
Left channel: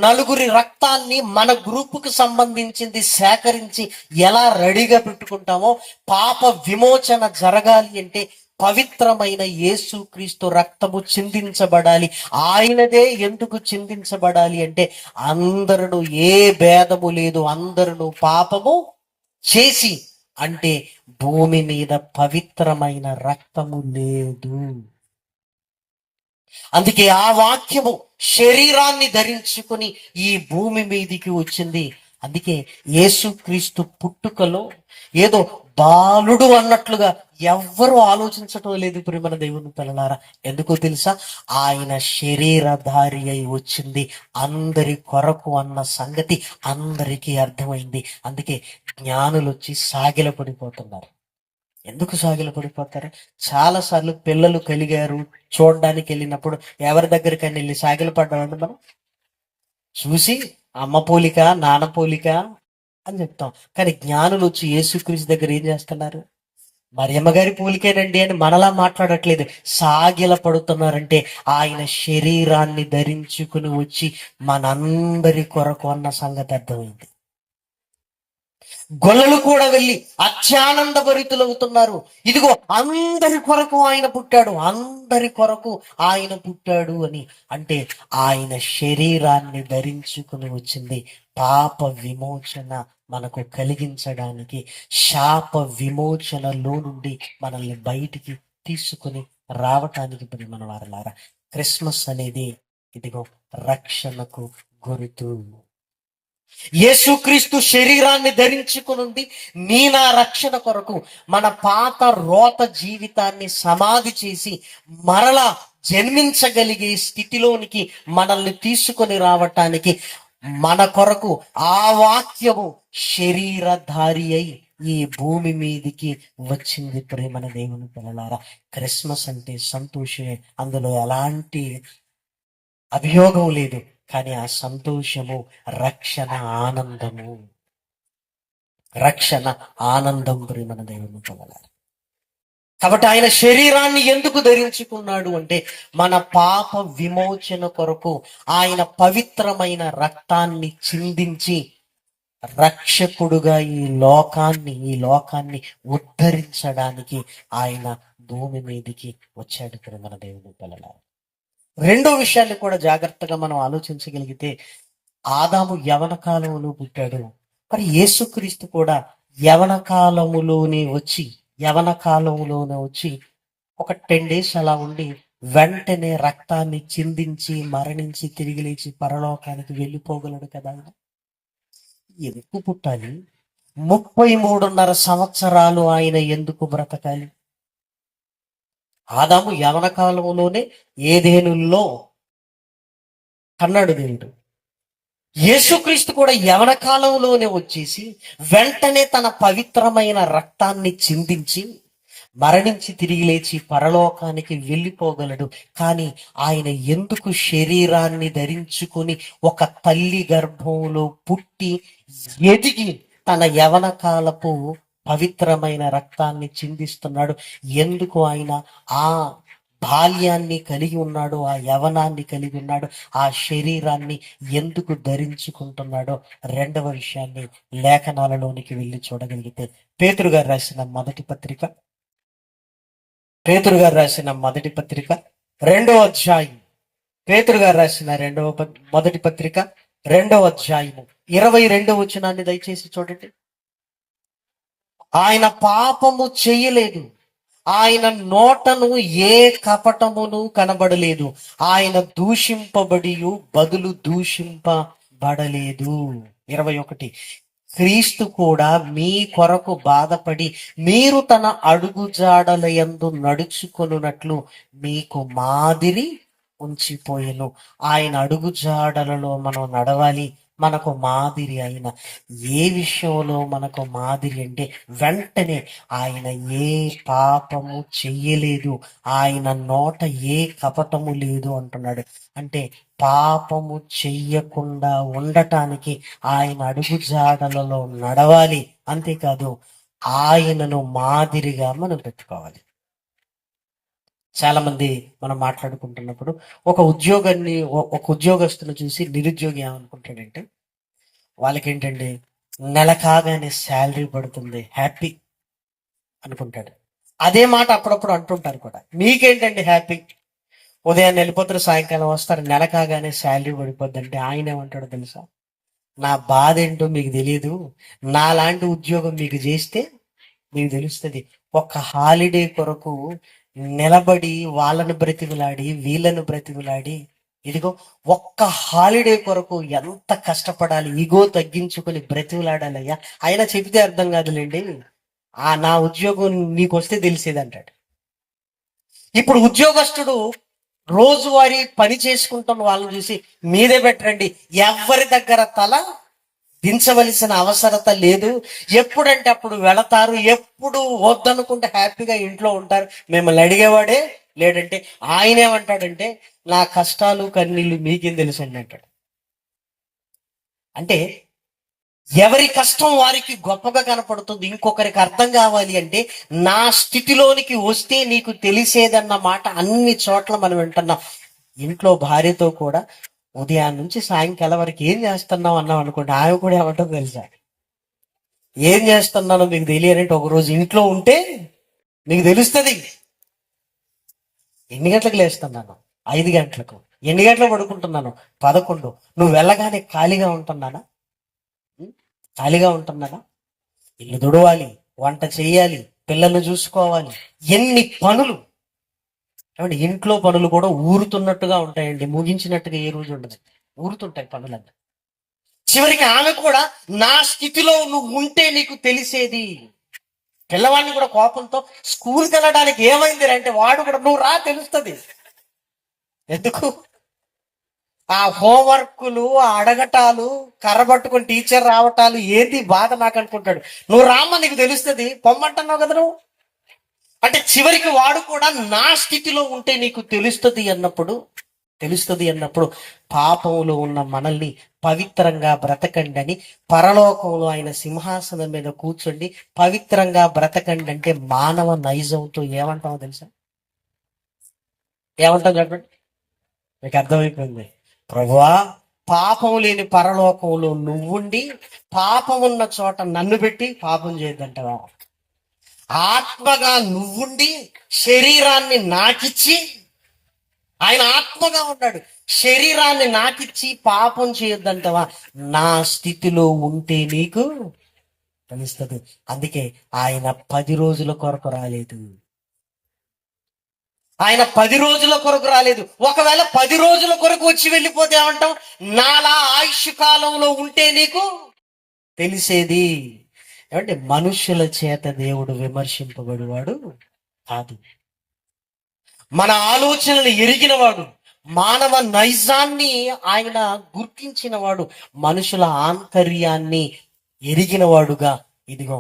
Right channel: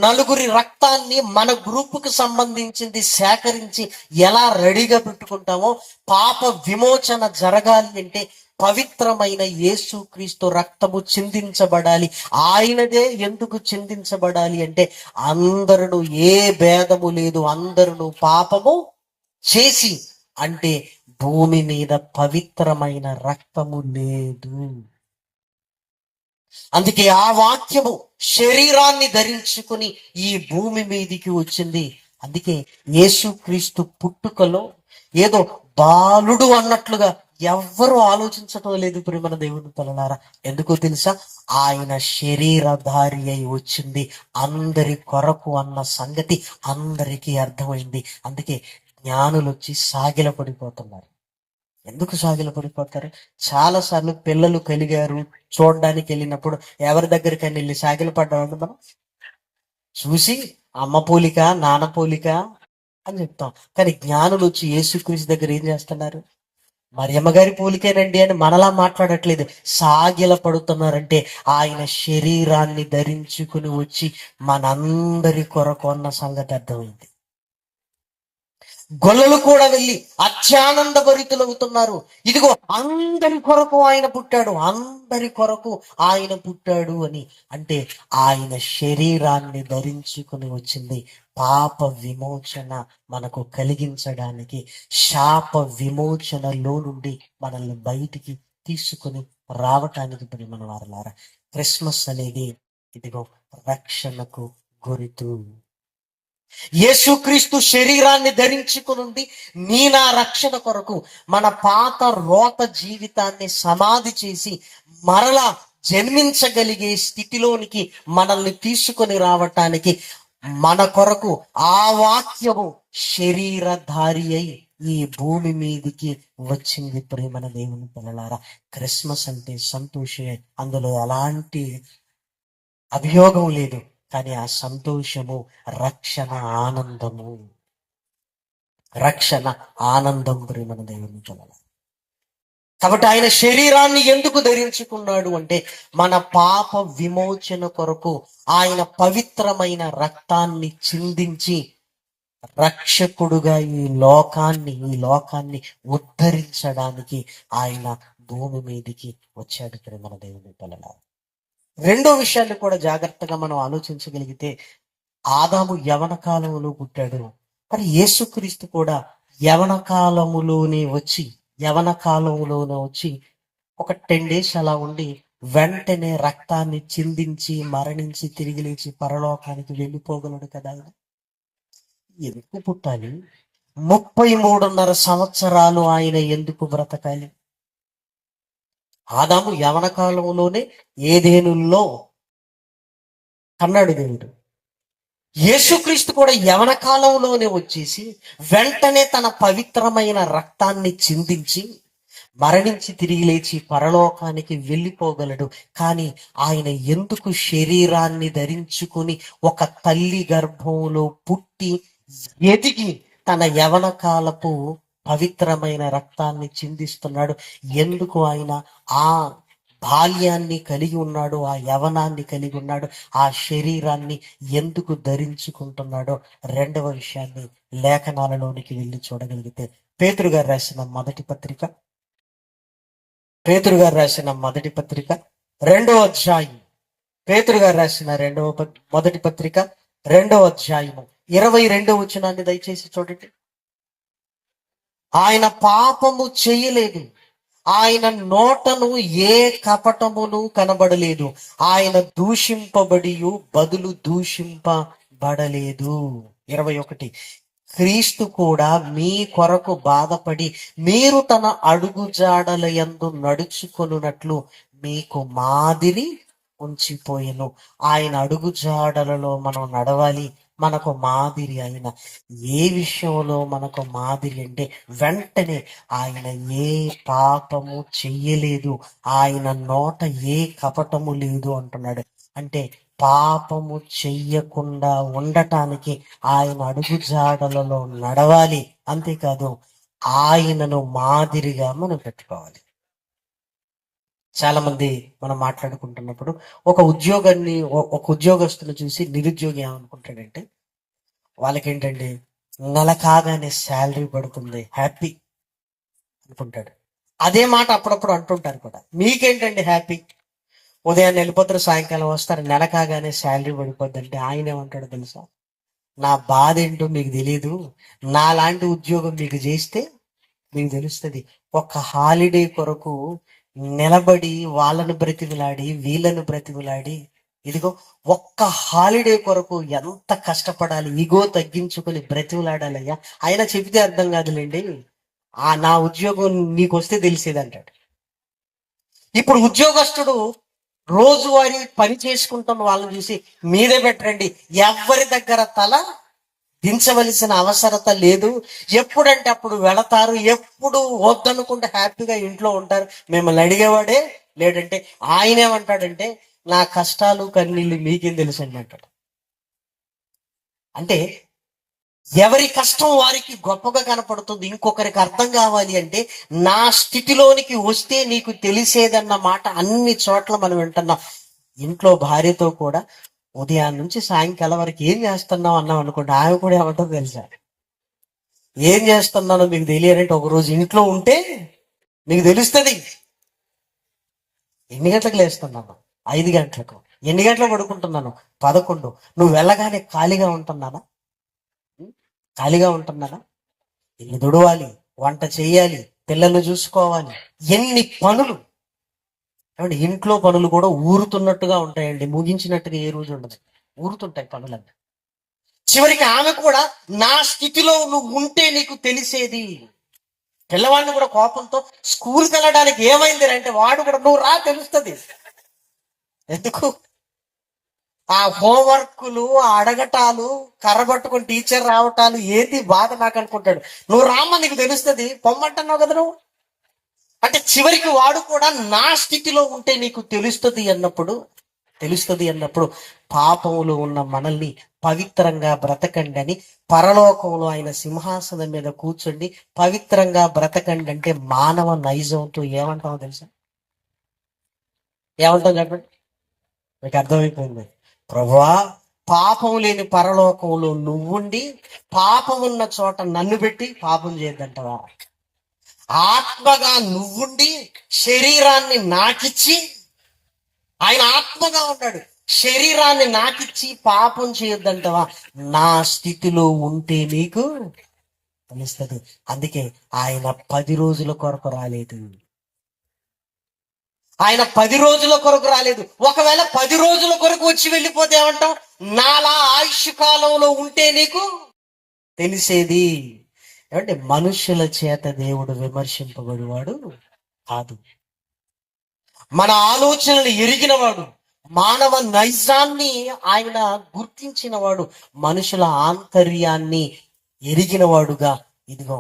నలుగురి రక్తాన్ని మన గ్రూపుకు సంబంధించింది సేకరించి ఎలా రెడీగా పెట్టుకుంటామో, పాప విమోచన జరగాలి అంటే పవిత్రమైన యేసుక్రీస్తు రక్తము చిందించబడాలి. ఆయనదే ఎందుకు చిందించబడాలి అంటే అందరూ ఏ భేదము లేదు, అందరూ పాపము చేసి, అంటే భూమి మీద పవిత్రమైన రక్తము లేదు. అందుకే ఆ వాక్యము శరీరాన్ని ధరించుకుని ఈ భూమి మీదికి వచ్చింది. అందుకే యేసుక్రీస్తు పుట్టుకలో ఏదో బాలుడు అన్నట్లుగా ఎవ్వరూ ఆలోచించటం లేదు ప్రియమైన దేవుని పిల్లలారా. ఎందుకో తెలుసా? ఆయన శరీరధారి అయి వచ్చింది అందరి కొరకు అన్న సంగతి అందరికీ అర్థమైంది. అందుకే జ్ఞానులు వచ్చి సాగిల పడిపోతున్నారు. ఎందుకు సాగిల పడిపోతారు? చాలా సార్లు పిల్లలు కలిగారు చూడడానికి వెళ్ళినప్పుడు ఎవరి దగ్గరికైనా వెళ్ళి సాగిల పడ్డామండి మనం చూసి, అమ్మ పోలిక నాన్న పోలిక అని చెప్తాం. కానీ జ్ఞానులు వచ్చి యేసుక్రీస్తు దగ్గర ఏం చేస్తున్నారు? మరియమ్మ గారి పోలికేనండి అని మనలా మాట్లాడట్లేదు, సాగిల పడుతున్నారంటే ఆయన శరీరాన్ని ధరించుకుని వచ్చి మనందరి కొరకు అన్న సంగతి అర్థమైంది. గొల్లలు కూడా వెళ్ళి అత్యానంద భరితులవుతున్నారు. ఇదిగో అందరి కొరకు ఆయన పుట్టాడు, అందరి కొరకు ఆయన పుట్టాడు అని. అంటే ఆయన శరీరాన్ని ధరించుకుని వచ్చింది పాప విమోచన మనకు కలిగించడానికి, శాప విమోచనలో నుండి మనల్ని బయటికి తీసుకుని రావటానికి. మన వారలారా, క్రిస్మస్ అనేది ఇదిగో రక్షణకు గుర్తు. యేసుక్రీస్తు శరీరాన్ని ధరించుకుని నా రక్షణ కొరకు మన పాత రోత జీవితాన్ని సమాధి చేసి మరలా జన్మించగలిగే స్థితిలోనికి మనల్ని తీసుకొని రావటానికి మన కొరకు ఆ వాక్యము శరీరధారి అయి ఈ భూమి మీదికి వచ్చింది. ప్రేమన దేవుని పిల్లలారా, క్రిస్మస్ అంటే సంతోషమే, అందులో ఎలాంటి అభియోగం లేదు. కానీ ఆ సంతోషము రక్షణ ఆనందము, రక్షణ ఆనందం ప్రేమన దేవుని పిల్లలారా. కాబట్టి ఆయన శరీరాన్ని ఎందుకు ధరించుకున్నాడు అంటే మన పాప విమోచన కొరకు ఆయన పవిత్రమైన రక్తాన్ని చిందించి రక్షకుడుగా ఈ లోకాన్ని ఉద్ధరించడానికి ఆయన భూమి మీదికి వచ్చాడు ప్రేమన దేవుని పిల్లలారా. రెండో విషయాన్ని కూడా జాగ్రత్తగా మనం ఆలోచించగలిగితే, ఆదాము యవన కాలంలో పుట్టాడు, మరి యేసుక్రీస్తు కూడా యవన కాలములోనే వచ్చి ఒక 10 days అలా ఉండి వెంటనే రక్తాన్ని చిందించి మరణించి తిరిగి లేచి పరలోకానికి వెళ్ళిపోగలడు కదా. ఎందుకు పుట్టాలి? 33.5 సంవత్సరాలు ఆయన ఎందుకు బ్రతకాలి? ఆదాము యవన కాలంలోనే ఏదేనుల్లో కన్నాడు దేవుడు. యేసుక్రీస్తు కూడా యవన కాలంలోనే వచ్చేసి వెంటనే తన పవిత్రమైన రక్తాన్ని చిందించి మరణించి తిరిగి లేచి పరలోకానికి వెళ్ళిపోగలడు. కానీ ఆయన ఎందుకు శరీరాన్ని ధరించుకుని ఒక తల్లి గర్భంలో పుట్టి ఎదిగి తన యవన కాలపు పవిత్రమైన రక్తాన్ని చిందిస్తున్నాడు? ఎందుకు ఆయన ఆ బాల్యాన్ని కలిగి ఉన్నాడు, ఆ యవనాన్ని కలిగి ఉన్నాడు, ఆ శరీరాన్ని ఎందుకు ధరించుకుంటున్నాడో రెండవ విషయాన్ని లేఖనాలలోనికి వెళ్ళి చూడగలిగితే, పేతురు గారు రాసిన మొదటి పత్రిక, పేతురు గారు రాసిన మొదటి పత్రిక 2వ అధ్యాయం, పేతురు గారు రాసిన మొదటి పత్రిక 2వ అధ్యాయము 22వ వచనాన్ని దయచేసి చూడండి. ఆయన పాపము చేయలేదు, ఆయన నోటను ఏ కపటమును కనబడలేదు, ఆయన దూషింపబడి బదులు దూషింపబడలేదు. 21, క్రీస్తు కూడా మీ కొరకు బాధపడి మీరు తన అడుగుజాడల యందు నడుచుకొనున్నట్లు మీకు మాదిరి ఉంచిపోయెను. ఆయన అడుగుజాడలలో మనం నడవాలి. మనకు మాదిరి ఆయన ఏ విషయంలో మనకు మాదిరి అంటే, వెంటనే ఆయన ఏ పాపము చెయ్యలేదు, ఆయన నోట ఏ కపటము లేదు అంటున్నాడు. అంటే పాపము చెయ్యకుండా ఉండటానికి ఆయన అడుగుజాడలలో నడవాలి. అంతేకాదు ఆయనను మాదిరిగా మనం పెట్టుకోవాలి. చాలా మంది మనం మాట్లాడుకుంటున్నప్పుడు ఒక ఉద్యోగస్తుని చూసి నిరుద్యోగి ఏమనుకుంటాడంటే, వాళ్ళకేంటండి నెల కాగానే శాలరీ పడుతుంది, హ్యాపీ అనుకుంటాడు. అదే మాట అప్పుడప్పుడు అంటుంటారు కూడా. మీకేంటండి హ్యాపీ, ఉదయాన్నే వెళ్ళిపోతారు, సాయంకాలం వస్తారు, నెల కాగానే శాలరీ పడిపోద్ది అంటే ఆయన ఏమంటాడు తెలుసా? నా బాధ ఏంటో మీకు తెలియదు, నాలాంటి ఉద్యోగం మీకు చేస్తే మీకు తెలుస్తుంది. ఒక హాలిడే కొరకు నిలబడి వాళ్ళను బ్రతిమిలాడి వీళ్ళను బ్రతిమిలాడి, ఇదిగో ఒక్క హాలిడే కొరకు ఎంత కష్టపడాలి, ఇగో తగ్గించుకొని బ్రతిమిలాడాలయ్యా. ఆయన చెబితే అర్థం కాదులేండి, నా ఉద్యోగం నీకు వస్తే తెలిసేది అంటాడు. ఇప్పుడు ఉద్యోగస్తుడు రోజువారీ పని చేసుకుంటున్న వాళ్ళని చూసి మీదే పెట్టండి, ఎవరి దగ్గర తల దించవలసిన అవసరత లేదు, ఎప్పుడంటే అప్పుడు వెళతారు, ఎప్పుడు వద్దనుకుంటే హ్యాపీగా ఇంట్లో ఉంటారు, మిమ్మల్ని అడిగేవాడే లేడంటే. ఆయన ఏమంటాడంటే, నా కష్టాలు కన్నీళ్ళు మీకేం తెలుసు అంటాడు. అంటే ఎవరి కష్టం వారికి గొప్పగా కనపడుతుంది. ఇంకొకరికి అర్థం కావాలి అంటే, నా స్థితిలోనికి వస్తే నీకు తెలిసేదన్న మాట అన్ని చోట్ల మనం వింటున్నాం. ఇంట్లో భార్యతో కూడా ఉదయం నుంచి సాయంకాలం వరకు ఏం చేస్తున్నావు అన్నాం అనుకోండి, ఆమె కూడా ఏమంటారో తెలుసా? ఏం చేస్తున్నానో మీకు తెలియాలంటే ఒకరోజు ఇంట్లో ఉంటే మీకు తెలుస్తుంది. ఎన్ని గంటలకు లేస్తున్నాను? 5 గంటలకు. ఎన్ని గంటలకు పడుకుంటున్నాను? 11. నువ్వు వెళ్ళగానే ఖాళీగా ఉంటున్నానా? ఇల్లు దుడవాలి, వంట చేయాలి, పిల్లలు చూసుకోవాలి, ఎన్ని పనులు. ఇంట్లో పనులు కూడా ఊరుతున్నట్టుగా ఉంటాయండి, ముగించినట్టుగా ఏ రోజు ఉండదు, ఊరుతుంటాయి పనులన్నీ. చివరికి ఆమె కూడా నా స్థితిలో నువ్వు ఉంటే నీకు తెలిసేది. పిల్లవాడిని కూడా కోపంతో స్కూల్కి వెళ్ళడానికి ఏమైంది అంటే, వాడు కూడా నువ్వు రా తెలుస్తుంది. ఎందుకు? ఆ హోంవర్క్లు, ఆ అడగటాలు, కర్రబట్టుకుని టీచర్ రావటాలు, ఏది బాధ నాకు అనుకుంటాడు. నువ్వు రామ్మ నీకు తెలుస్తుంది, పొమ్మంటున్నావు కదా నువ్వు అంటే. చివరికి వాడు కూడా నా స్థితిలో ఉంటే నీకు తెలుస్తుంది అన్నప్పుడు పాపంలో ఉన్న మనల్ని పవిత్రంగా బ్రతకండి అని, పరలోకంలో ఆయన సింహాసనం మీద కూర్చోండి పవిత్రంగా బ్రతకండి అంటే మానవ నైజంతో ఏమంటామో తెలుసా? ఏమంటాం చెప్పండి? మీకు అర్థమైపోయింది. ప్రభువా, పాపం లేని పరలోకంలో నువ్వుండి పాపం ఉన్న చోట నన్ను పెట్టి పాపం చేయొద్దంటవా? ఆత్మగా నువ్వుండి శరీరాన్ని నాకిచ్చి, ఆయన ఆత్మగా ఉన్నాడు, శరీరాన్ని నాకిచ్చి పాపం చేయొద్దంటవా? నా స్థితిలో ఉంటే నీకు తెలుస్తుంది. అందుకే ఆయన 10 రోజుల కొరకు రాలేదు. ఆయన 10 రోజుల కొరకు రాలేదు. ఒకవేళ 10 రోజుల కొరకు వచ్చి వెళ్ళిపోతే ఏమంటాం? నాలా ఆయుష్ కాలంలో ఉంటే నీకు తెలిసేది. ఏమంటే మనుషుల చేత దేవుడు విమర్శింపబడివాడు కాదు. మన ఆలోచనలు ఎరిగినవాడు, మానవ నైజాన్ని ఆయన గుర్తించినవాడు, మనుషుల ఆంతర్యాన్ని ఎరిగినవాడుగా, ఇదిగో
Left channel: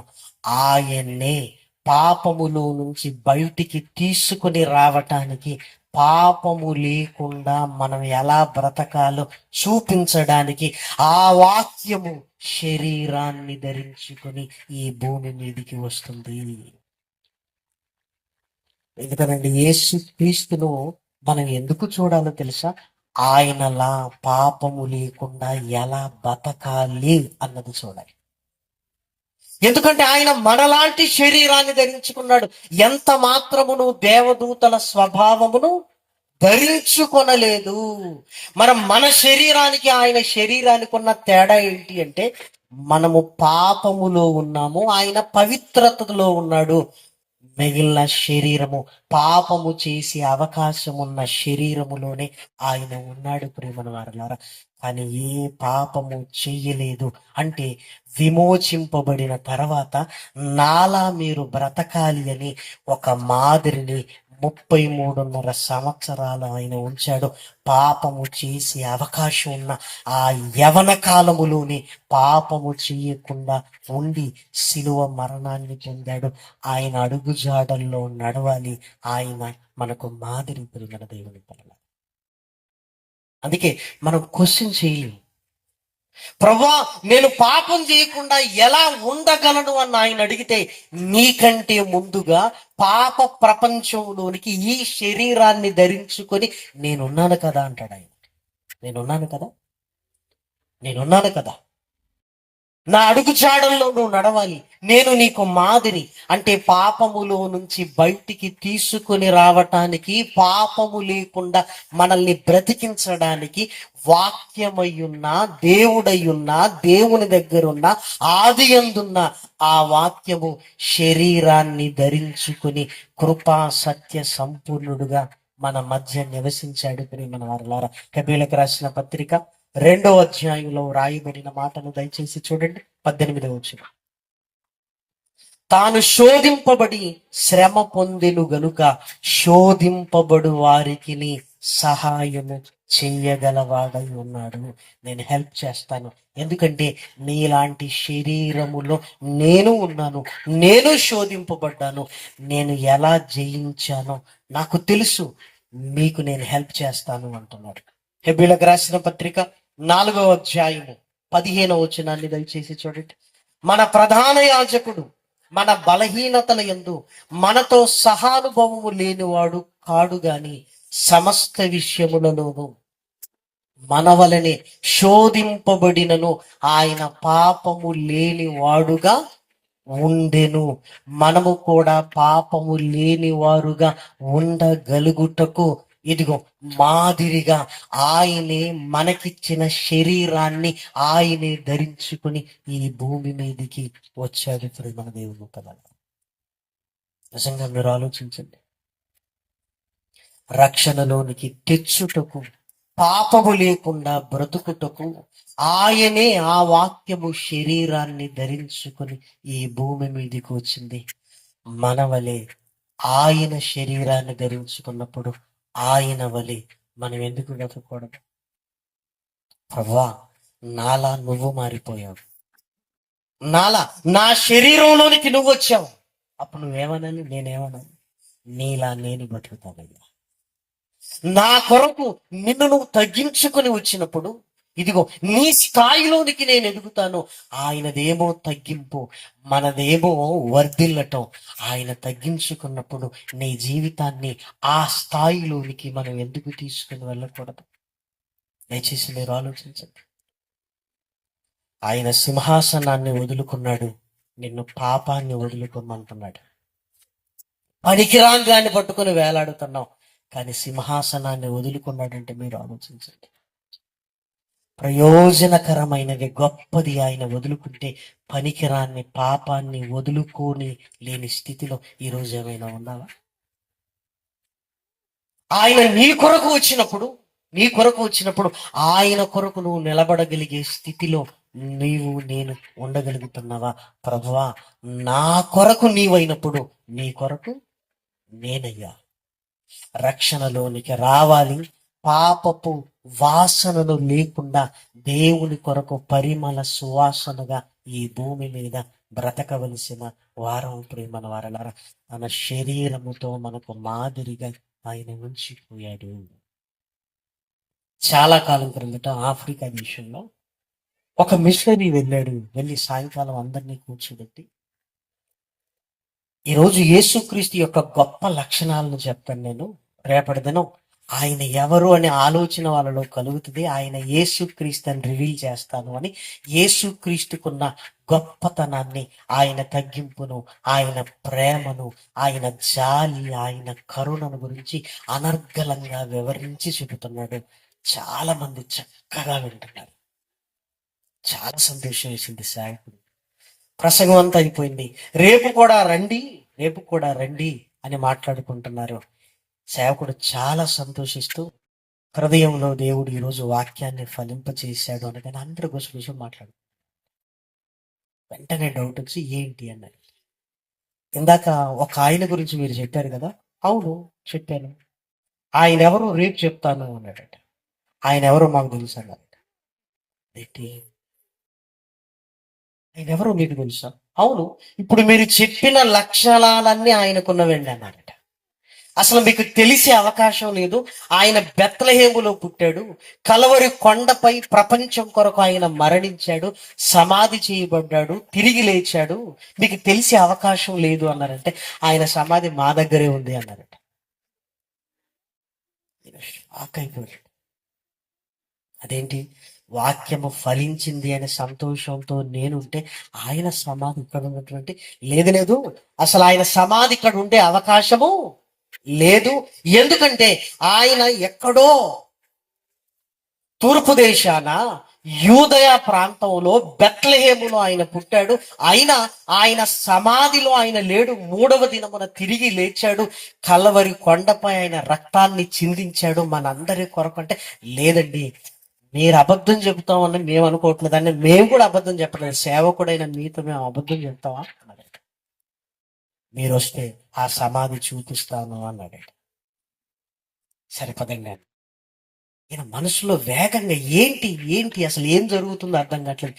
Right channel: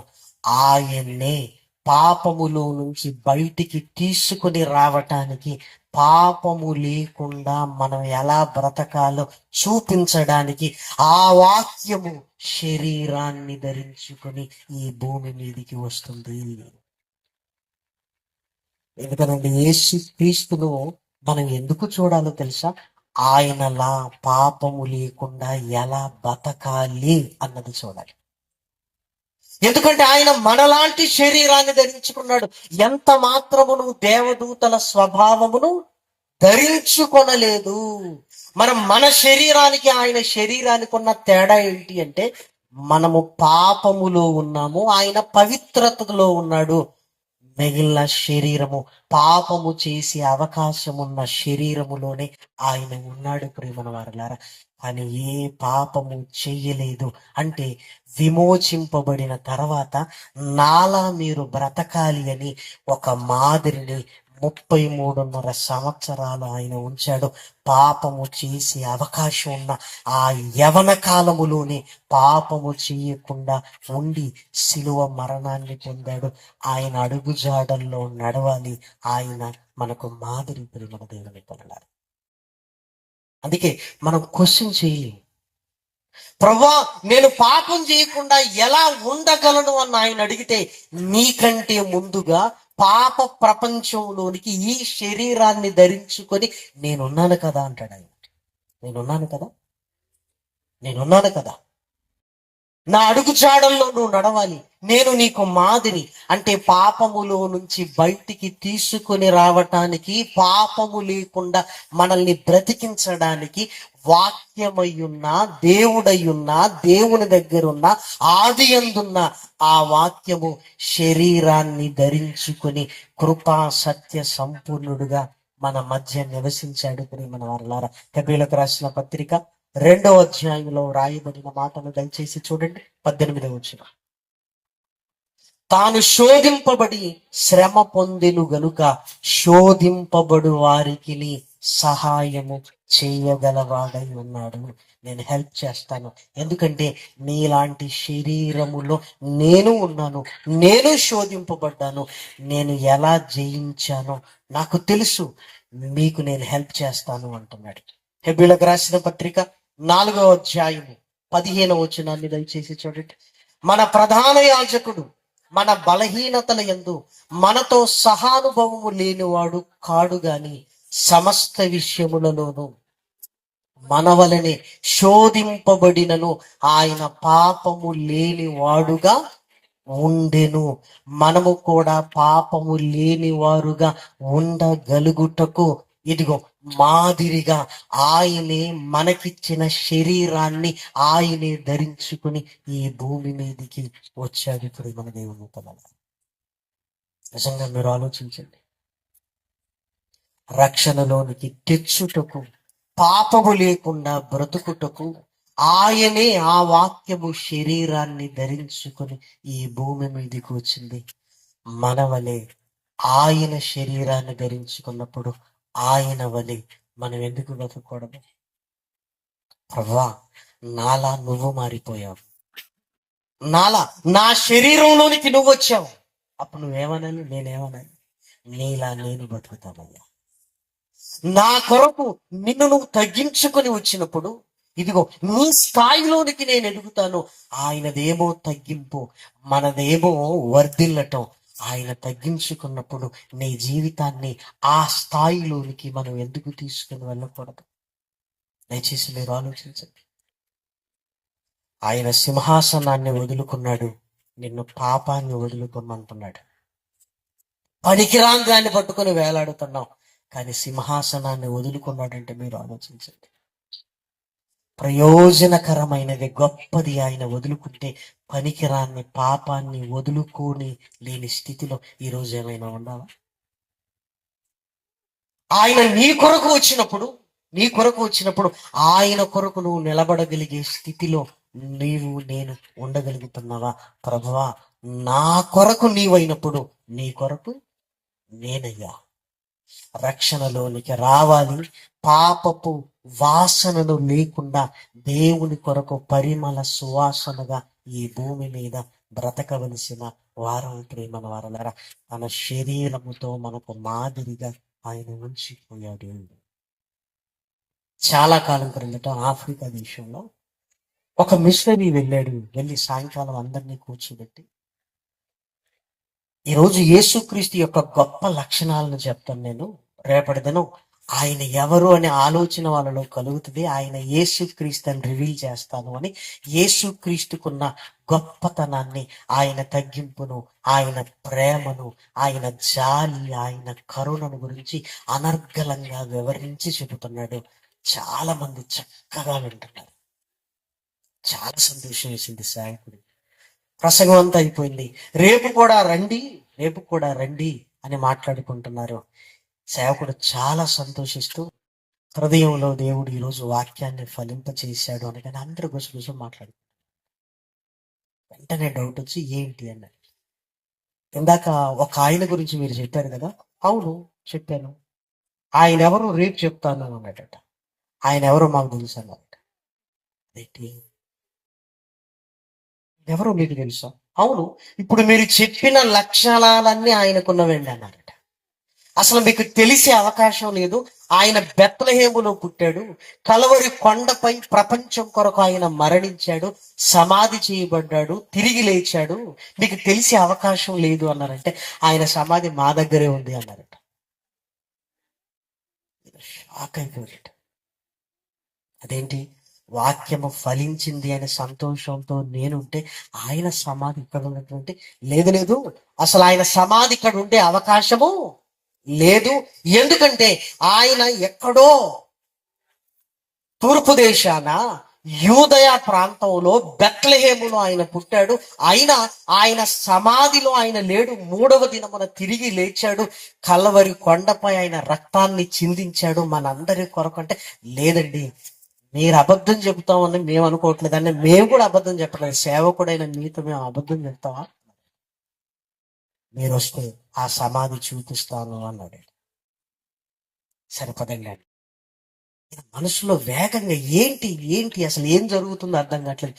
ఆయన్నే పాపములో నుంచి బయటికి తీసుకుని రావటానికి, పాపము లేకుండా మనం ఎలా బ్రతకాలో చూపించడానికి ఆ వాక్యము శరీరాన్ని ధరించుకొని ఈ భూమి మీదికి వస్తుంది. ఎందుకనండి, యేసు క్రీస్తును మనం ఎందుకు చూడాలో తెలుసా? ఆయనలా పాపము లేకుండా ఎలా బతకాలి అన్నది చూడాలి. ఎందుకంటే ఆయన మనలాంటి శరీరాన్ని ధరించుకున్నాడు. ఎంత మాత్రమును దేవదూతల స్వభావమును ధరించుకొనలేదు. మన శరీరానికి ఆయన శరీరానికి ఉన్న తేడా ఏంటి అంటే, మనము పాపములో ఉన్నాము, ఆయన పవిత్రతలో ఉన్నాడు. మిగిలిన శరీరము పాపము చేసే అవకాశం ఉన్న శరీరములోనే ఆయన ఉన్నాడు. ప్రేమన వారలారా, కానీ ఏ పాపము చెయ్యలేదు. అంటే విమోచింపబడిన తర్వాత నాలా మీరు బ్రతకాలి అని ఒక మాదిరిని 33.5 సంవత్సరాలు ఆయన ఉంచాడు. పాపము చేసే అవకాశం ఉన్న ఆ యవన కాలములోనే పాపము చేయకుండా ఉండి శిలువ మరణాన్ని పొందాడు. ఆయన అడుగుజాడల్లో నడవాలి. ఆయన మనకు మాదిరి. ప్రియమైన దేవుని పిల్లలారా, అందుకే మనం క్వశ్చన్ చేయలేము, ప్రభా నేను పాపం చేయకుండా ఎలా ఉండగలను అని ఆయన అడిగితే, నీకంటే ముందుగా పాప ప్రపంచంలోనికి ఈ శరీరాన్ని ధరించుకొని నేనున్నాను కదా అంటాడు ఆయన. నేనున్నాను కదా, నేనున్నాను కదా, నా అడుగుజాడల్లో నువ్వు నడవాలి, నేను నీకు మాదిరి. అంటే పాపములో నుంచి బయటికి తీసుకొని రావటానికి, పాపము లేకుండా మనల్ని బ్రతికించడానికి వాక్యమయ్యున్న, దేవుడయ్యున్న, దేవుని దగ్గరున్న, ఆది యందున్న ఆ వాక్యము శరీరాన్ని ధరించుకొని కృపా సత్య సంపూర్ణుడుగా మన మధ్య నివసించాడు. ప్రియమైన వారలారా, హెబ్రీయులకు రాసిన పత్రిక 2వ అధ్యాయంలో రాయబడిన మాటను దయచేసి చూడండి. 18వ వచనం, తాను శోధింపబడి శ్రమ పొందెను గనుక శోధింపబడు వారికి సహాయము చేయగలవాడై ఉన్నాడు. నేను హెల్ప్ చేస్తాను, ఎందుకంటే నీలాంటి శరీరములో నేను ఉన్నాను, నేను శోధింపబడ్డాను, నేను ఎలా జయించానో నాకు తెలుసు, మీకు నేను హెల్ప్ చేస్తాను అంటున్నాడు. హెబ్రీయులకు రాసిన పత్రిక 4వ అధ్యాయము 15వ వచనాన్ని దయచేసి చూడండి. మన ప్రధాన యాజకుడు మన బలహీనతల యందు మనతో సహానుభవము లేనివాడు కాడు గాని సమస్త విషయములలోనూ మన వలనే శోధింపబడినను ఆయన పాపము లేని వాడుగా ఉండెను. మనము కూడా పాపము లేని వారుగా ఉండగలుగుటకు ఇదిగో మాదిరిగా ఆయనే మనకిచ్చిన శరీరాన్ని ఆయనే ధరించుకుని ఈ భూమి మీదకి వచ్చాడు. ఇప్పుడు మన దేవుని పిల్లలు, నిజంగా మీరు ఆలోచించండి, రక్షణలోనికి తెచ్చుటకు, పాపము లేకుండా బ్రతుకుటకు ఆయనే ఆ వాక్యము శరీరాన్ని ధరించుకొని ఈ భూమి మీదకి వచ్చింది. మన వలె ఆయన శరీరాన్ని ధరించుకున్నప్పుడు ఆయన వలె మనం ఎందుకు బ్రతకూడదు? ప్రభువా, నాలా నువ్వు మారిపోయావు, నాలా నా శరీరంలోనికి నువ్వు వచ్చావు. అప్పుడు నువ్వేమన్నాను, నేనేమన్నాను? నీలా నేను బ్రతుకుతానయ్యా. నా కొరకు నిన్ను నువ్వు తగ్గించుకొని వచ్చినప్పుడు ఇదిగో నీ స్థాయిలోనికి నేను ఎదుగుతాను. ఆయనదేమో తగ్గింపు, మనదేమో వర్ధిల్లటం. ఆయన తగ్గించుకున్నప్పుడు నీ జీవితాన్ని ఆ స్థాయిలోనికి మనం ఎందుకు తీసుకుని వెళ్ళకూడదు? దయచేసి మీరు ఆలోచించండి. ఆయన సింహాసనాన్ని వదులుకున్నాడు, నిన్ను పాపాన్ని వదులుకోమంటున్నాడు. పనికిరాని దాన్ని పట్టుకుని వేలాడుతున్నావు, కానీ సింహాసనాన్ని వదులుకున్నాడంటే మీరు ఆలోచించండి. ప్రయోజనకరమైనది, గొప్పది ఆయన వదులుకుంటే పనికిరాన్ని, పాపాన్ని వదులుకొని లేని స్థితిలో ఈరోజు ఏమైనా ఉన్నావా? ఆయన నీ కొరకు వచ్చినప్పుడు ఆయన కొరకు నువ్వు నిలబడగలిగే స్థితిలో నేను ఉండగలుగుతున్నావా? ప్రభువా, నా కొరకు నీవైనప్పుడు నీ కొరకు నేనయ్యా. రక్షణలోనికి రావాలి, పాపపు వాసనలు లేకుండా దేవుని కొరకు పరిమళ సువాసనగా ఈ భూమి మీద బ్రతకవలసిన వారం ప్రేమన వారలారా. తన శరీరముతో మనకు మాదిరిగా ఆయన ఉంచిపోయాడు. చాలా కాలం క్రిందట ఆఫ్రికా దేశంలో ఒక మిషనరీ వెళ్ళి సాయంకాలం అందరినీ కూర్చోబెట్టి, ఈరోజు యేసుక్రీస్తు యొక్క గొప్ప లక్షణాలను చెప్తాను నేను. రేపటి దినం ఆయన ఎవరు అనే ఆలోచన వాళ్ళలో కలుగుతుంది. ఆయన యేసుక్రీస్తు అని రివీల్ చేస్తాను అని, యేసుక్రీస్తుకున్న గొప్పతనాన్ని, ఆయన తగ్గింపును, ఆయన ప్రేమను, ఆయన జాలి, ఆయన కరుణను గురించి అనర్గళంగా వివరించి చెబుతున్నాడు. చాలా మంది చక్కగా వింటున్నారు. చాలా సంతోషం వేసింది. సేవకుడు ప్రసంగం అంతా అయిపోయింది. రేపు కూడా రండి అని మాట్లాడుకుంటున్నారు. సేవకుడు చాలా సంతోషిస్తూ, హృదయంలో దేవుడు ఈరోజు వాక్యాన్ని ఫలింపచేశాడు అనగానే అందరూ గుసగుస మాట్లాడు. వెంటనే డౌట్ వచ్చి ఏంటి అన్నది. ఇందాక ఒక ఆయన గురించి మీరు చెప్పారు కదా. అవును, చెప్పాను. ఆయన ఎవరు రేపు చెప్తాను అన్నాడట. ఆయన ఎవరో మాకు తెలుసు అన్నాడట. ఏంటి, ఆయన ఎవరో మీకు తెలుసా? అవును, ఇప్పుడు మీరు చెప్పిన లక్షణాలన్నీ ఆయనకున్నవండి అన్నాడట. అసలు మీకు తెలిసే అవకాశం లేదు. ఆయన బెత్లెహేములో పుట్టాడు, కలవరి కొండపై ప్రపంచం కొరకు ఆయన మరణించాడు, సమాధి చేయబడ్డాడు, తిరిగి లేచాడు. మీకు తెలిసే అవకాశం లేదు అన్నారంటే, ఆయన సమాధి మా దగ్గరే ఉంది అన్నారట. షాక్ అయిపోయాడు. అదేంటి, వాక్యము ఫలించింది అనే సంతోషంతో నేనుంటే ఆయన సమాధి ఇక్కడ ఉన్నటువంటి లేదు, అసలు ఆయన సమాధి ఇక్కడ ఉండే అవకాశము లేదు. ఎందుకంటే ఆయన ఎక్కడో తూర్పు దేశాన యూదయ ప్రాంతంలో బెత్లెహేములో ఆయన పుట్టాడు. అయినా ఆయన సమాధిలో ఆయన లేడు. 3వ దినమున తిరిగి లేచాడు. కలవరి కొండపై ఆయన రక్తాన్ని చిందించాడు మనందరి కొరకు అంటే, లేదండి, మీరు అబద్ధం చెబుతామని మేము అనుకోవట్లేదండి, మేము కూడా అబద్ధం చెప్పలేదు. సేవకుడైన మీతో మేము అబద్ధం చెప్తామా? మీరు వస్తే ఆ సమాధి చూపిస్తాను అన్నాడు. సరిపదండి. ఈయన మనసులో వేగంగా ఏంటి అసలు ఏం జరుగుతుందో అర్థం కావట్లేదు.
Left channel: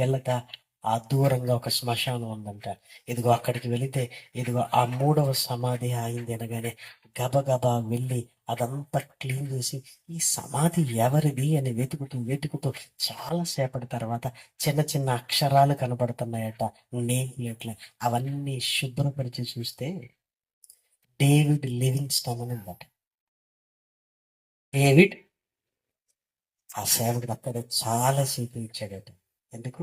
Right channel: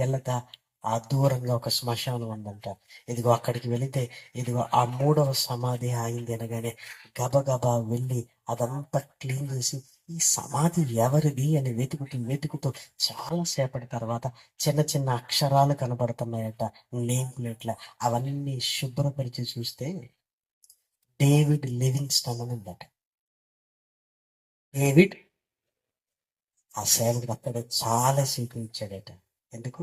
వెళ్ళక ఆ దూరంగా ఒక శ్మశానం ఉందంట. ఇదిగో అక్కడికి వెళితే ఇదిగో ఆ 3వ సమాధి అయింది అనగానే గబగబా వెళ్ళి అదంతా క్లీన్ చేసి, ఈ సమాధి ఎవరిది అని వెతుకుతూ చాలా సేపటి తర్వాత చిన్న చిన్న అక్షరాలు కనబడుతున్నాయట, నేమ్ ప్లేట్ల. అవన్నీ శుభ్రపరిచి చూస్తే డేవిడ్ లివింగ్స్టన్ అని ఉందట. డేవిడ్, ఆ సేవకుడు అక్కడ చాలా సేపు ఇచ్చాడట. ఎందుకు?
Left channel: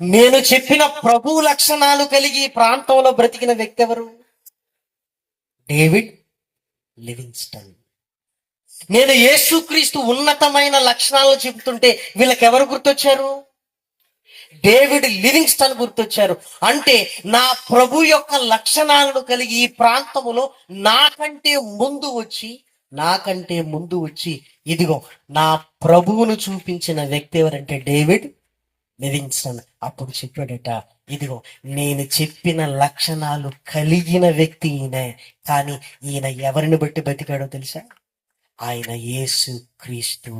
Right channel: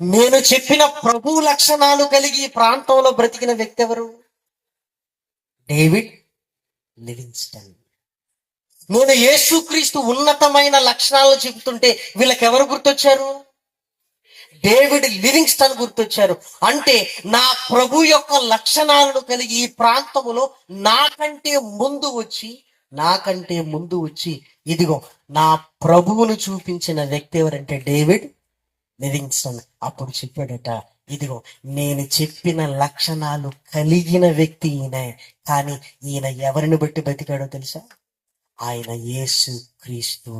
నేను చెప్పిన ప్రభు లక్షణాలు కలిగి ఈ ప్రాంతంలో బ్రతికిన వ్యక్తి ఎవరు? David Livingstone. నేను యేసుక్రీస్తు ఉన్నతమైన లక్షణాలను చెబుతుంటే వీళ్ళకి ఎవరు గుర్తొచ్చారు? David Livingstone గుర్తొచ్చారు. అంటే నా ప్రభు యొక్క లక్షణాలను కలిగి ఈ ప్రాంతములో నాకంటే ముందు వచ్చి ఇదిగో నా ప్రభువును చూపించిన వ్యక్తి ఎవరంటే డేవిడ్ లివింగ్స్టన్. అప్పుడు చెప్పాడట, ఇదిగో నేను చెప్పిన లక్షణాలు కలిగిన వ్యక్తి ఈయన. కానీ ఈయన ఎవరిని బట్టి బతికాడో తెలుసా? ఆయన యేసు క్రీస్తు.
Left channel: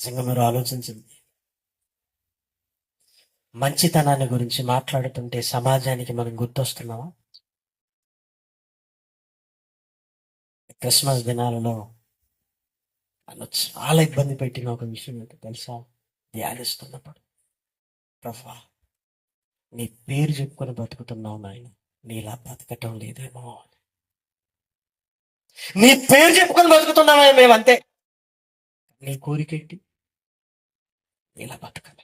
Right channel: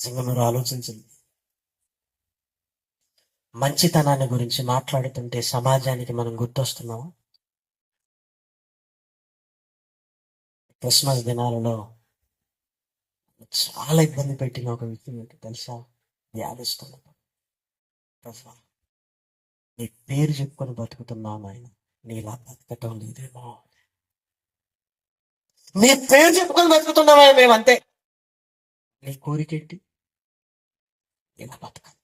నిజంగా మీరు ఆలోచించండి. మంచితనాన్ని గురించి మాట్లాడుతుంటే సమాజానికి మనం గుర్తొస్తున్నామా? క్రిస్మస్ దినాలలో నన్ను చాలా ఇబ్బంది పెట్టిన ఒక విషయం ఏంటో తెలుసా? ధ్యానిస్తున్నప్పుడు, ప్రభా నీ పేరు చెప్పుకొని బతుకుతున్నావు నాయన, నీలా బతకటం లేదేమో. నీ పేరు చెప్పుకొని బతుకుతున్నావా మేమంతే, నీ కోరికేంటి? నీలా బతకాలి.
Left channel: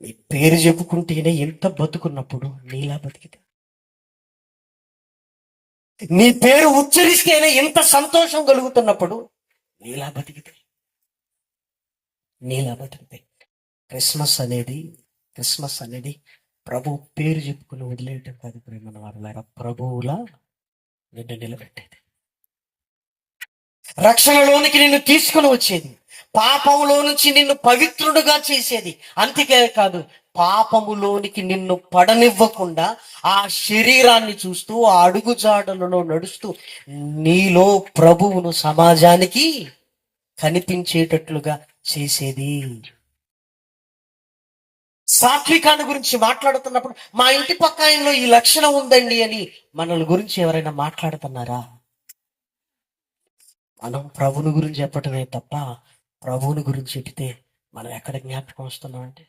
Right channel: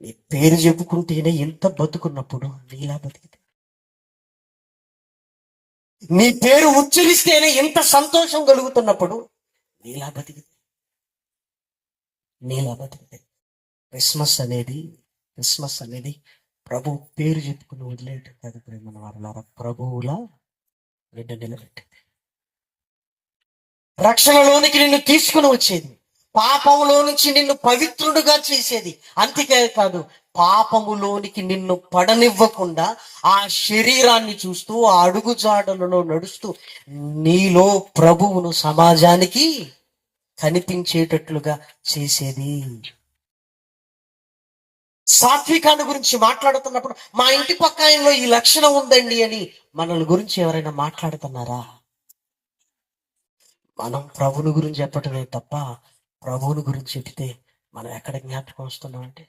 నీ పేరు చెప్పుకుంటేనే ఎంత బతుకున్నప్పుడు నీలా బతికితే, నీ పేరు ఉచ్చరిస్తేనే ఎంత సంతోషం కలుగుతున్నప్పుడు నీలా బతికితే. క్రిస్మస్ అనేది ప్రభు పేరు చెప్పుకుని వదిలేయటం కాదు ప్రేమను వారులారా, ప్రభువులా నిన్ను నిలబెట్టేది, రక్షణలోనికి నిన్ను తీసుకుని వచ్చేది, పాపములో నుంచి నిన్ను పవిత్రుడుగా చేసేది. అంతే కాదు, పాపములోనికి నిన్ను పడనివ్వకుండా ఆ శరీరాన్ని చూస్తూ ఆ అడుగుజాడలలో నడుస్తూ నీలో ప్రభువును సమాజానికి కనిపించేటట్లుగా చేసేది. సాత్వికాన్ని గురించి మాట్లాడుతున్నప్పుడు మా ఇంటి పక్క ఆయనలో ఈ లక్షణం ఉందండి అని మనల్ని గురించి ఎవరైనా మాట్లాడుతున్నారా? మనం ప్రభుని గురించి చెప్పటమే తప్ప ప్రభువుని గురించి చెప్తే మనం ఎక్కడ జ్ఞాపకం వస్తున్నాం అంటే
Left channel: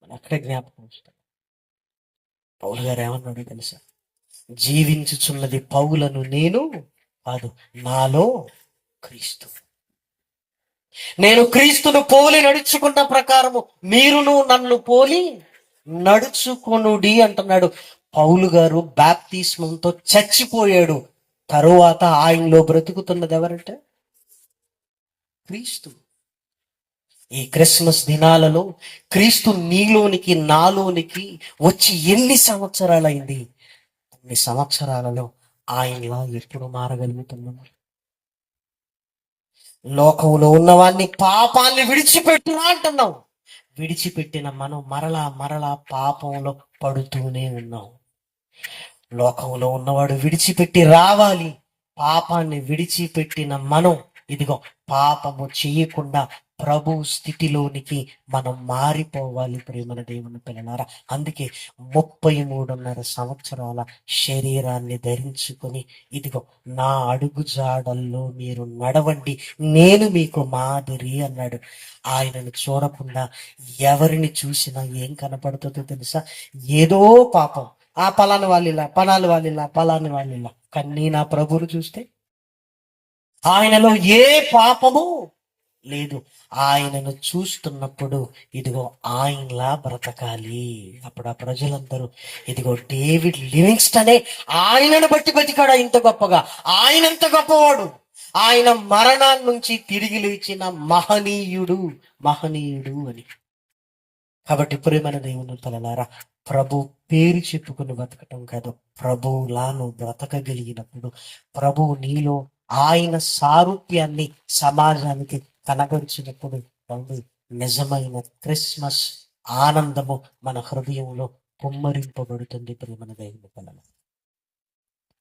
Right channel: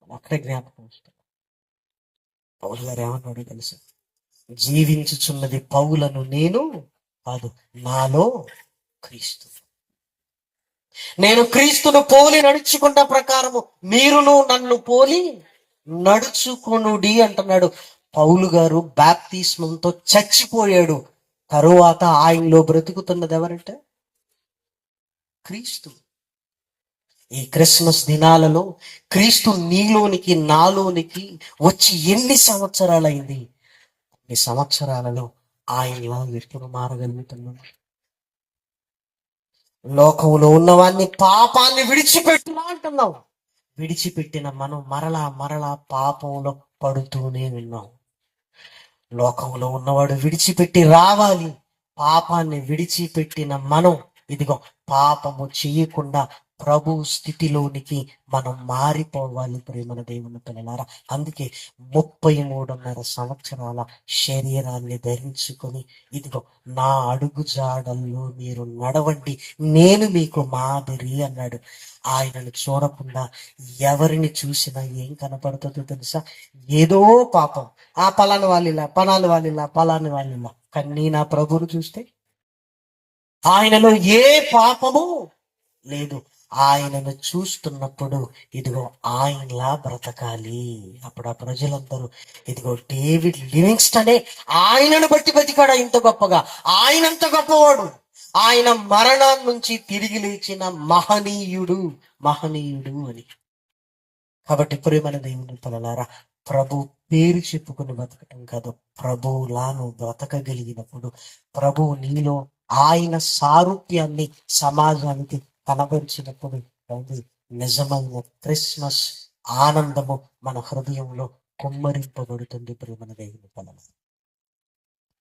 మనం ఎక్కడ జ్ఞాపకం వస్తున్నాం. పౌలు గారు ఏమన్నాడు తెలుసా? జీవించుచున్నది పౌలను నేను కాదు, నాలో క్రీస్తు. నేను క్రీస్తును పోలి నడుచుకున్న ప్రకారము మీరును నన్ను పోలి నడుచుకొనుడి అంటున్నాడు. పౌలు గారు బాప్తిస్మంతో చచ్చిపోయాడు. తరువాత ఆయనలో బ్రతుకుతున్నది ఎవరంటే క్రీస్తు. ఈ క్రిస్మస్ దినాలలో క్రీస్తు నీలోనికి నాలోనికి వచ్చి ఎన్ని సంవత్సరాలైంది? అన్ని సంవత్సరాలలో ఆయనలో ఎప్పుడు మారగలుగుతున్నాం? లోకంలో ఉన్నవాన్ని పాపాన్ని విడిచిపెట్టునా అంటున్నాం. విడిచిపెట్టిన మనం మరలా మరలా పాపంలో పడుతూనే ఉన్నాం. లోకంలో ఉన్నవాడు విడిచిపెట్టి రావాలి. పాపాన్ని విడిచిపెట్టిన మనం ఇదిగో పాపము చేయకుండా ప్రభు స్థితిలోనికి మనం మారిపోవాలి. ప్రేమన దేవుని పిల్లలారా, అందుకే 33.5 సంవత్సరాల శరీరాన్ని ధరించుకొని ఇదిగో నా అడుగు జాడల్లో మీరు నడవండి, నేను మీకు మాదిరి అన్నాడు. ఆయనను చూడకుండా ఎవరిని చూసినా ఏం కనపడుతుందో తెలుసా? ఏదో పాపం. ఆ పలాని వాళ్ళిలా, పలాని వాళ్ళిలా, పలాని వాళ్ళిలా. కానీ నా ప్రభువును చూస్తే ఆయనలో ఏ పాపము లేదు. ఆయనను చూస్తున్నప్పుడు ఇదిగో ఆయనలా బ్రతకాలి. అప్పుడు ఆ ప్రజలందరూ ఇదిగో డేవిడ్ లివింగ్స్టనే ఆయనను బట్టి బతికాడు ఇంత గొప్పగా. ఆయనంత గొప్పవాడు. ఆయన మరణం నుంచి తిరిగి లేచిన మహనీయుడు, మహనీయుడు అని. కాబట్టి ప్రియమైన దేవుని పిల్లలారా, ప్రభు పేరు చెప్పుకుని బ్రతకటం కాదు, ప్రభువులా నువ్వు బ్రతకగలిగినప్పుడు ప్రభు నీలో ఆయన సారూప్యాన్ని సమాజానికి కనబరిచినప్పుడు నిజమైన క్రిస్మస్ ఆనందము మన హృదయంలో కుమ్మరింపబడుతుంది. ప్రియమైన దేవుని పిల్లలారా,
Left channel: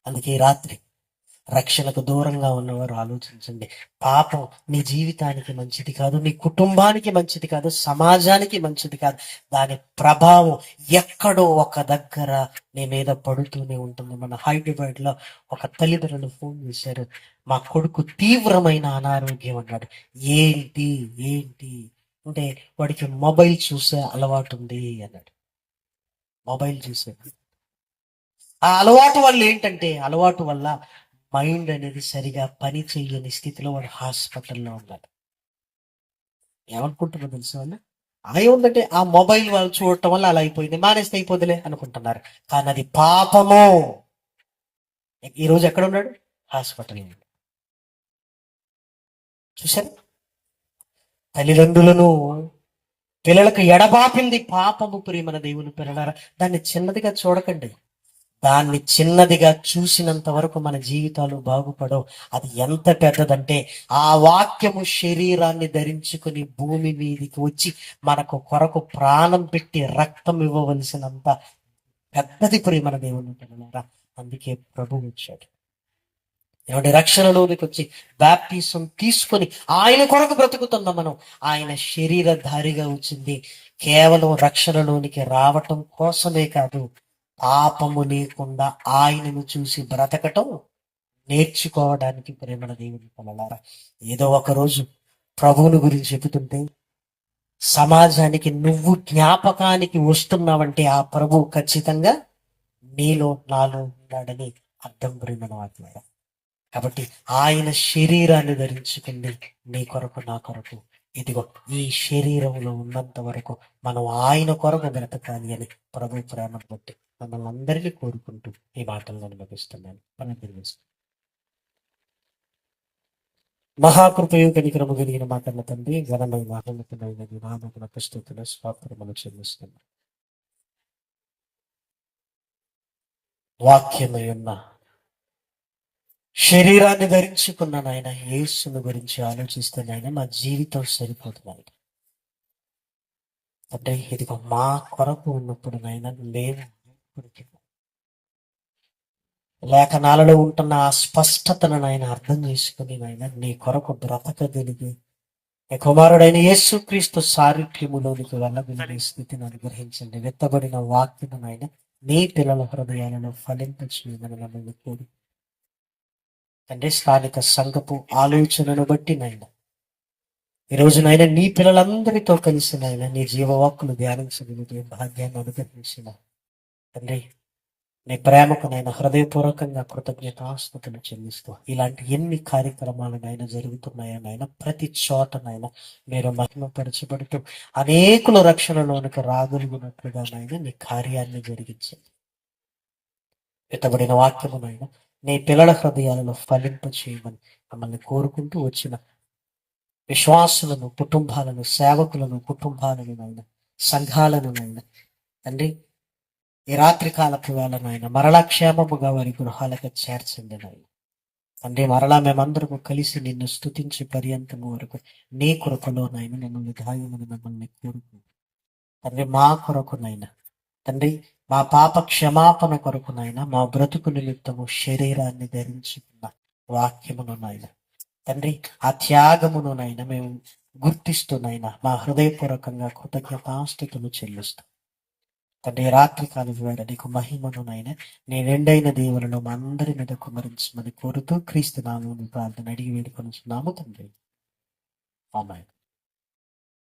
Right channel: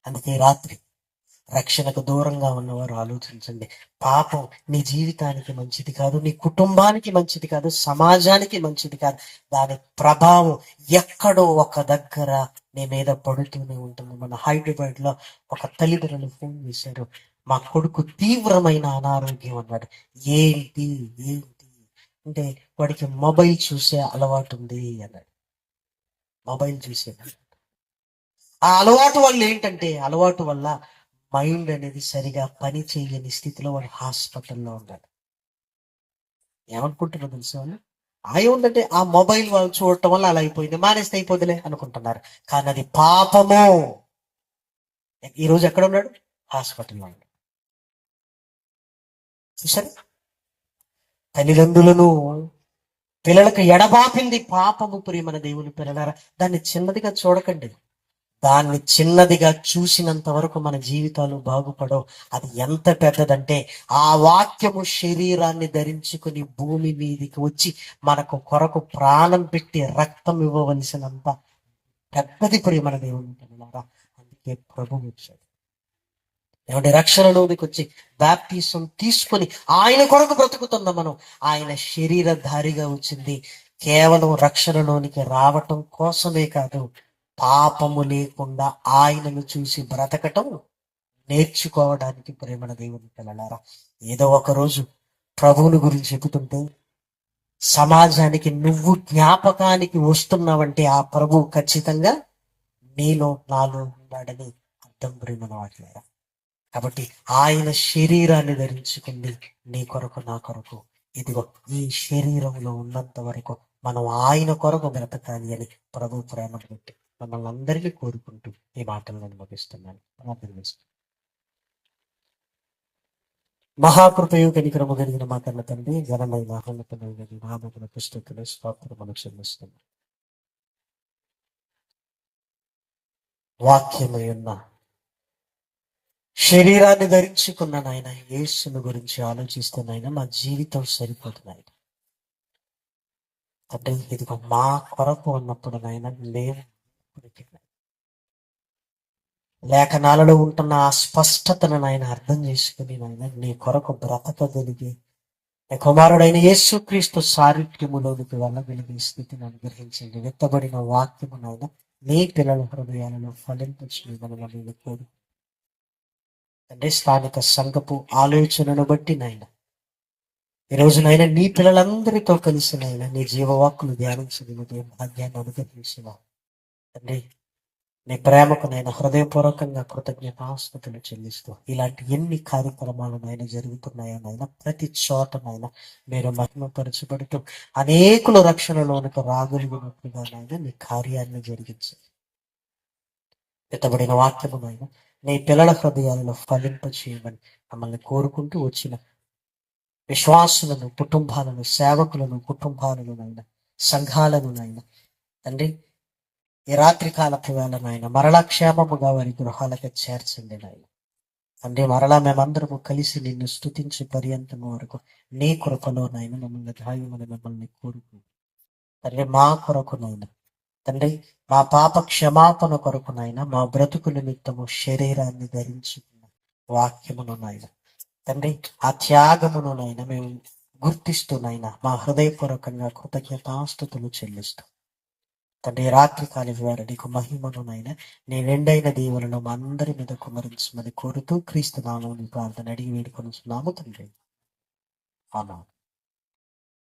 అందుకే రాత్రి రక్షణకు దూరంగా ఉన్నవారు ఆలోచించండి. పాపం నీ జీవితానికి మంచిది కాదు, నీ కుటుంబానికి మంచిది కాదు, సమాజానికి మంచిది కాదు. దాని ప్రభావం ఎక్కడో ఒక దగ్గర నీ మీద పడుతూనే ఉంటుంది. మన హైదరాబాద్ లో ఒక తల్లిదండ్రులు ఫోన్ చేశారు, మా కొడుకు తీవ్రమైన అనారోగ్యం అన్నాడు. ఏంటి ఏంటి అంటే వాడికి మొబైల్ చూసే అలవాటు ఉంది అన్నాడు. మొబైల్ చూసే ఆ అలవాటు వల్ల ఏంటంటే, అలవాటు వల్ల మైండ్ అనేది సరిగా పని చేయని స్థితిలో వాడు హాస్పిటల్లో ఉన్నాడు. ఏమనుకుంటున్నా తెలుసు వాళ్ళు? ఉందంటే ఆ మొబైల్ వాళ్ళు చూడటం వల్ల అలా అయిపోయింది, మానేస్తే అయిపోదులే అనుకుంటున్నారు. కానీ అది పాపము. ఈ రోజు ఎక్కడ ఉన్నాడు? హాస్పిటల్లో ఉన్నాడు. చూసారు, తల్లిదండ్రులను పిల్లలకు ఎడబాపింది పాపము. ప్రియమైన దేవుని పిల్లలారా, దాన్ని చిన్నదిగా చూడకండి. దాన్ని చిన్నదిగా చూసినంత వరకు మన జీవితాలు బాగుపడవు. అది ఎంత పెద్దదంటే ఆ వాక్యము శరీరాన్ని ధరించుకుని భూమి మీదికి వచ్చి మనకు కొరకు ప్రాణం పెట్టి రక్తం ఇవ్వవలసినంత పెద్దది ప్రియమైన దేవుని పిల్లలారా. అందుకే ప్రభు వచ్చాడు. ఏమంటే రక్షణలోనికి వచ్చి బాప్టిజం తీసుకొని ఆయన కొరకు బ్రతుకుతుందా మనం. ఆయన శరీరధారిగా వచ్చింది కేవలం రక్షణలోనికి రావటం కోసమే కాదు, పాపము లేకుండా ఆయనను చూసి బ్రతకటం నేర్చుకోవడానికి. ప్రేమణ దేవుని పిల్లలారా, ఏదో ఒక రోజు ప్రభువుని గురించి చెబుతుంటే సమాజానికి నువ్వు జ్ఞాపకానికి వస్తున్నావంటే ఆ ప్రభు ఖచ్చితంగా నీలో నాలో ఉన్నాడని అర్థం. ప్రేమణ వాటిలారా, కాబట్టి ఆయన శరీరాన్ని ధరించుకుంది నీ కొరకు నా కొరకు. ఇదిగో ఈ శరీరంలో ఉన్నంత వరకు మనం ఆయన కొరకు బ్రతకాలి అని ప్రభు ప్రేమ బట్టి మమ్మల్ని అందరినీ కోరుకుంటూ ఈ మాటలు నేను ముగిస్తున్నాను. మహాకృపయు కనికరము కలిగిన మా కన్న తండ్రి, ఘనమైన మహోన్నతమైన నామమున పుస్తకమున స్తోత్రములు చెల్లిస్తున్నాను. వాక్యమై ఉన్న శరీరాన్ని ధరించుకున్న నాయన యేసుని గురించి ఆలోచిస్తున్నాయన మా జీవితం సరిపోతున్నాయి. అంటే ఇదిగో మా కొరకు ఉన్నప్పుడు నాయన మేము లేఖనాలలో ఉంటున్న ఆ స్పష్టతను నాయన అర్థం చేసుకుని నాయన నీ కొరకు బ్రతకగలిగి నీ కుమారుడైన యేసుక్రీస్తు సారూప్యములోనికి వెళ్ళగలిగే స్థితిని అనుగ్రహించండి. వెత్తబడిన వాక్యము నాయన నీ పిల్లల హృదయాలను ఫలింపచేయమని మమ్మల్ని కోరు తండ్రి. స్థానిక సంఘపు ఆలోచనను బట్టి నాయన ఈ రోజునైనా నీ పిల్లలందరితో కలిసి నాయన నీ జీవవాక్కులు ధ్యానించగలిగే భాగ్యాన్ని అనుగ్రహించిన తండ్రి, నీ ప్రేమకు నేను హృదయపూర్వకంగా కృతజ్ఞతాస్తుతులు చెల్లిస్తూ ఇలాంటి ఎన్ని కార్యక్రమాలు నాయన జరుగుతున్నాయో నాయన ప్రతి చోట నాయన మీరు మహిమపరచబడుతూ అనేకుల రక్షణలోనికి రాగలిగినట్లుగా నాయన నీ కార్యాన్ని జరిగించండి. ఎత్తబడిన వాక్యము నాయన నీ పిల్లల హృదయాలను ఫలింప చేయమని మమ్మల్ని కోరుకుంటూ వచ్చిన విశ్వాసులను, కుటుంబాలను, సేవకులను, కుటుంబాలను నాయన సంఘాలను నాయన తండ్రి ఈ రాత్రి కాలపు వేళ నాయన మరలా క్షేమముగా వారి గృహాలకు చేర్చండి నాయన తండ్రి. మరలా మేమందరము కలిసి నిన్ను స్తుతించి పర్యంతము వరకు నీ కృపలో నాయన మిమ్మల్ని గాయమని మిమ్మల్ని కోరుకుంటాం తండ్రి. మా కొరకు నాయన తండ్రి, మా పాప క్షమాపణ కొరకు నాయన మా బ్రతుకు నిమిత్తము శరీరాన్ని ధరించుకున్న వాక్యమును నాయన తండ్రి ఆ త్యాగమును నాయన మేము గుర్తిస్తూనైనా మా హృదయపూర్వకంగా కృతజ్ఞతాస్తుతులు చెల్లిస్తాం తండ్రి. రాత్రి కాలి వేళ నీకు మహిమను నాయన నీ రెండైన దేవులను మా అందరి మీద కుమరించమని కోరుతూ క్రీస్తు నామమున ప్రార్థన అడిగి వేడుకొనుచున్నాము తండ్రి. ఆమేన్.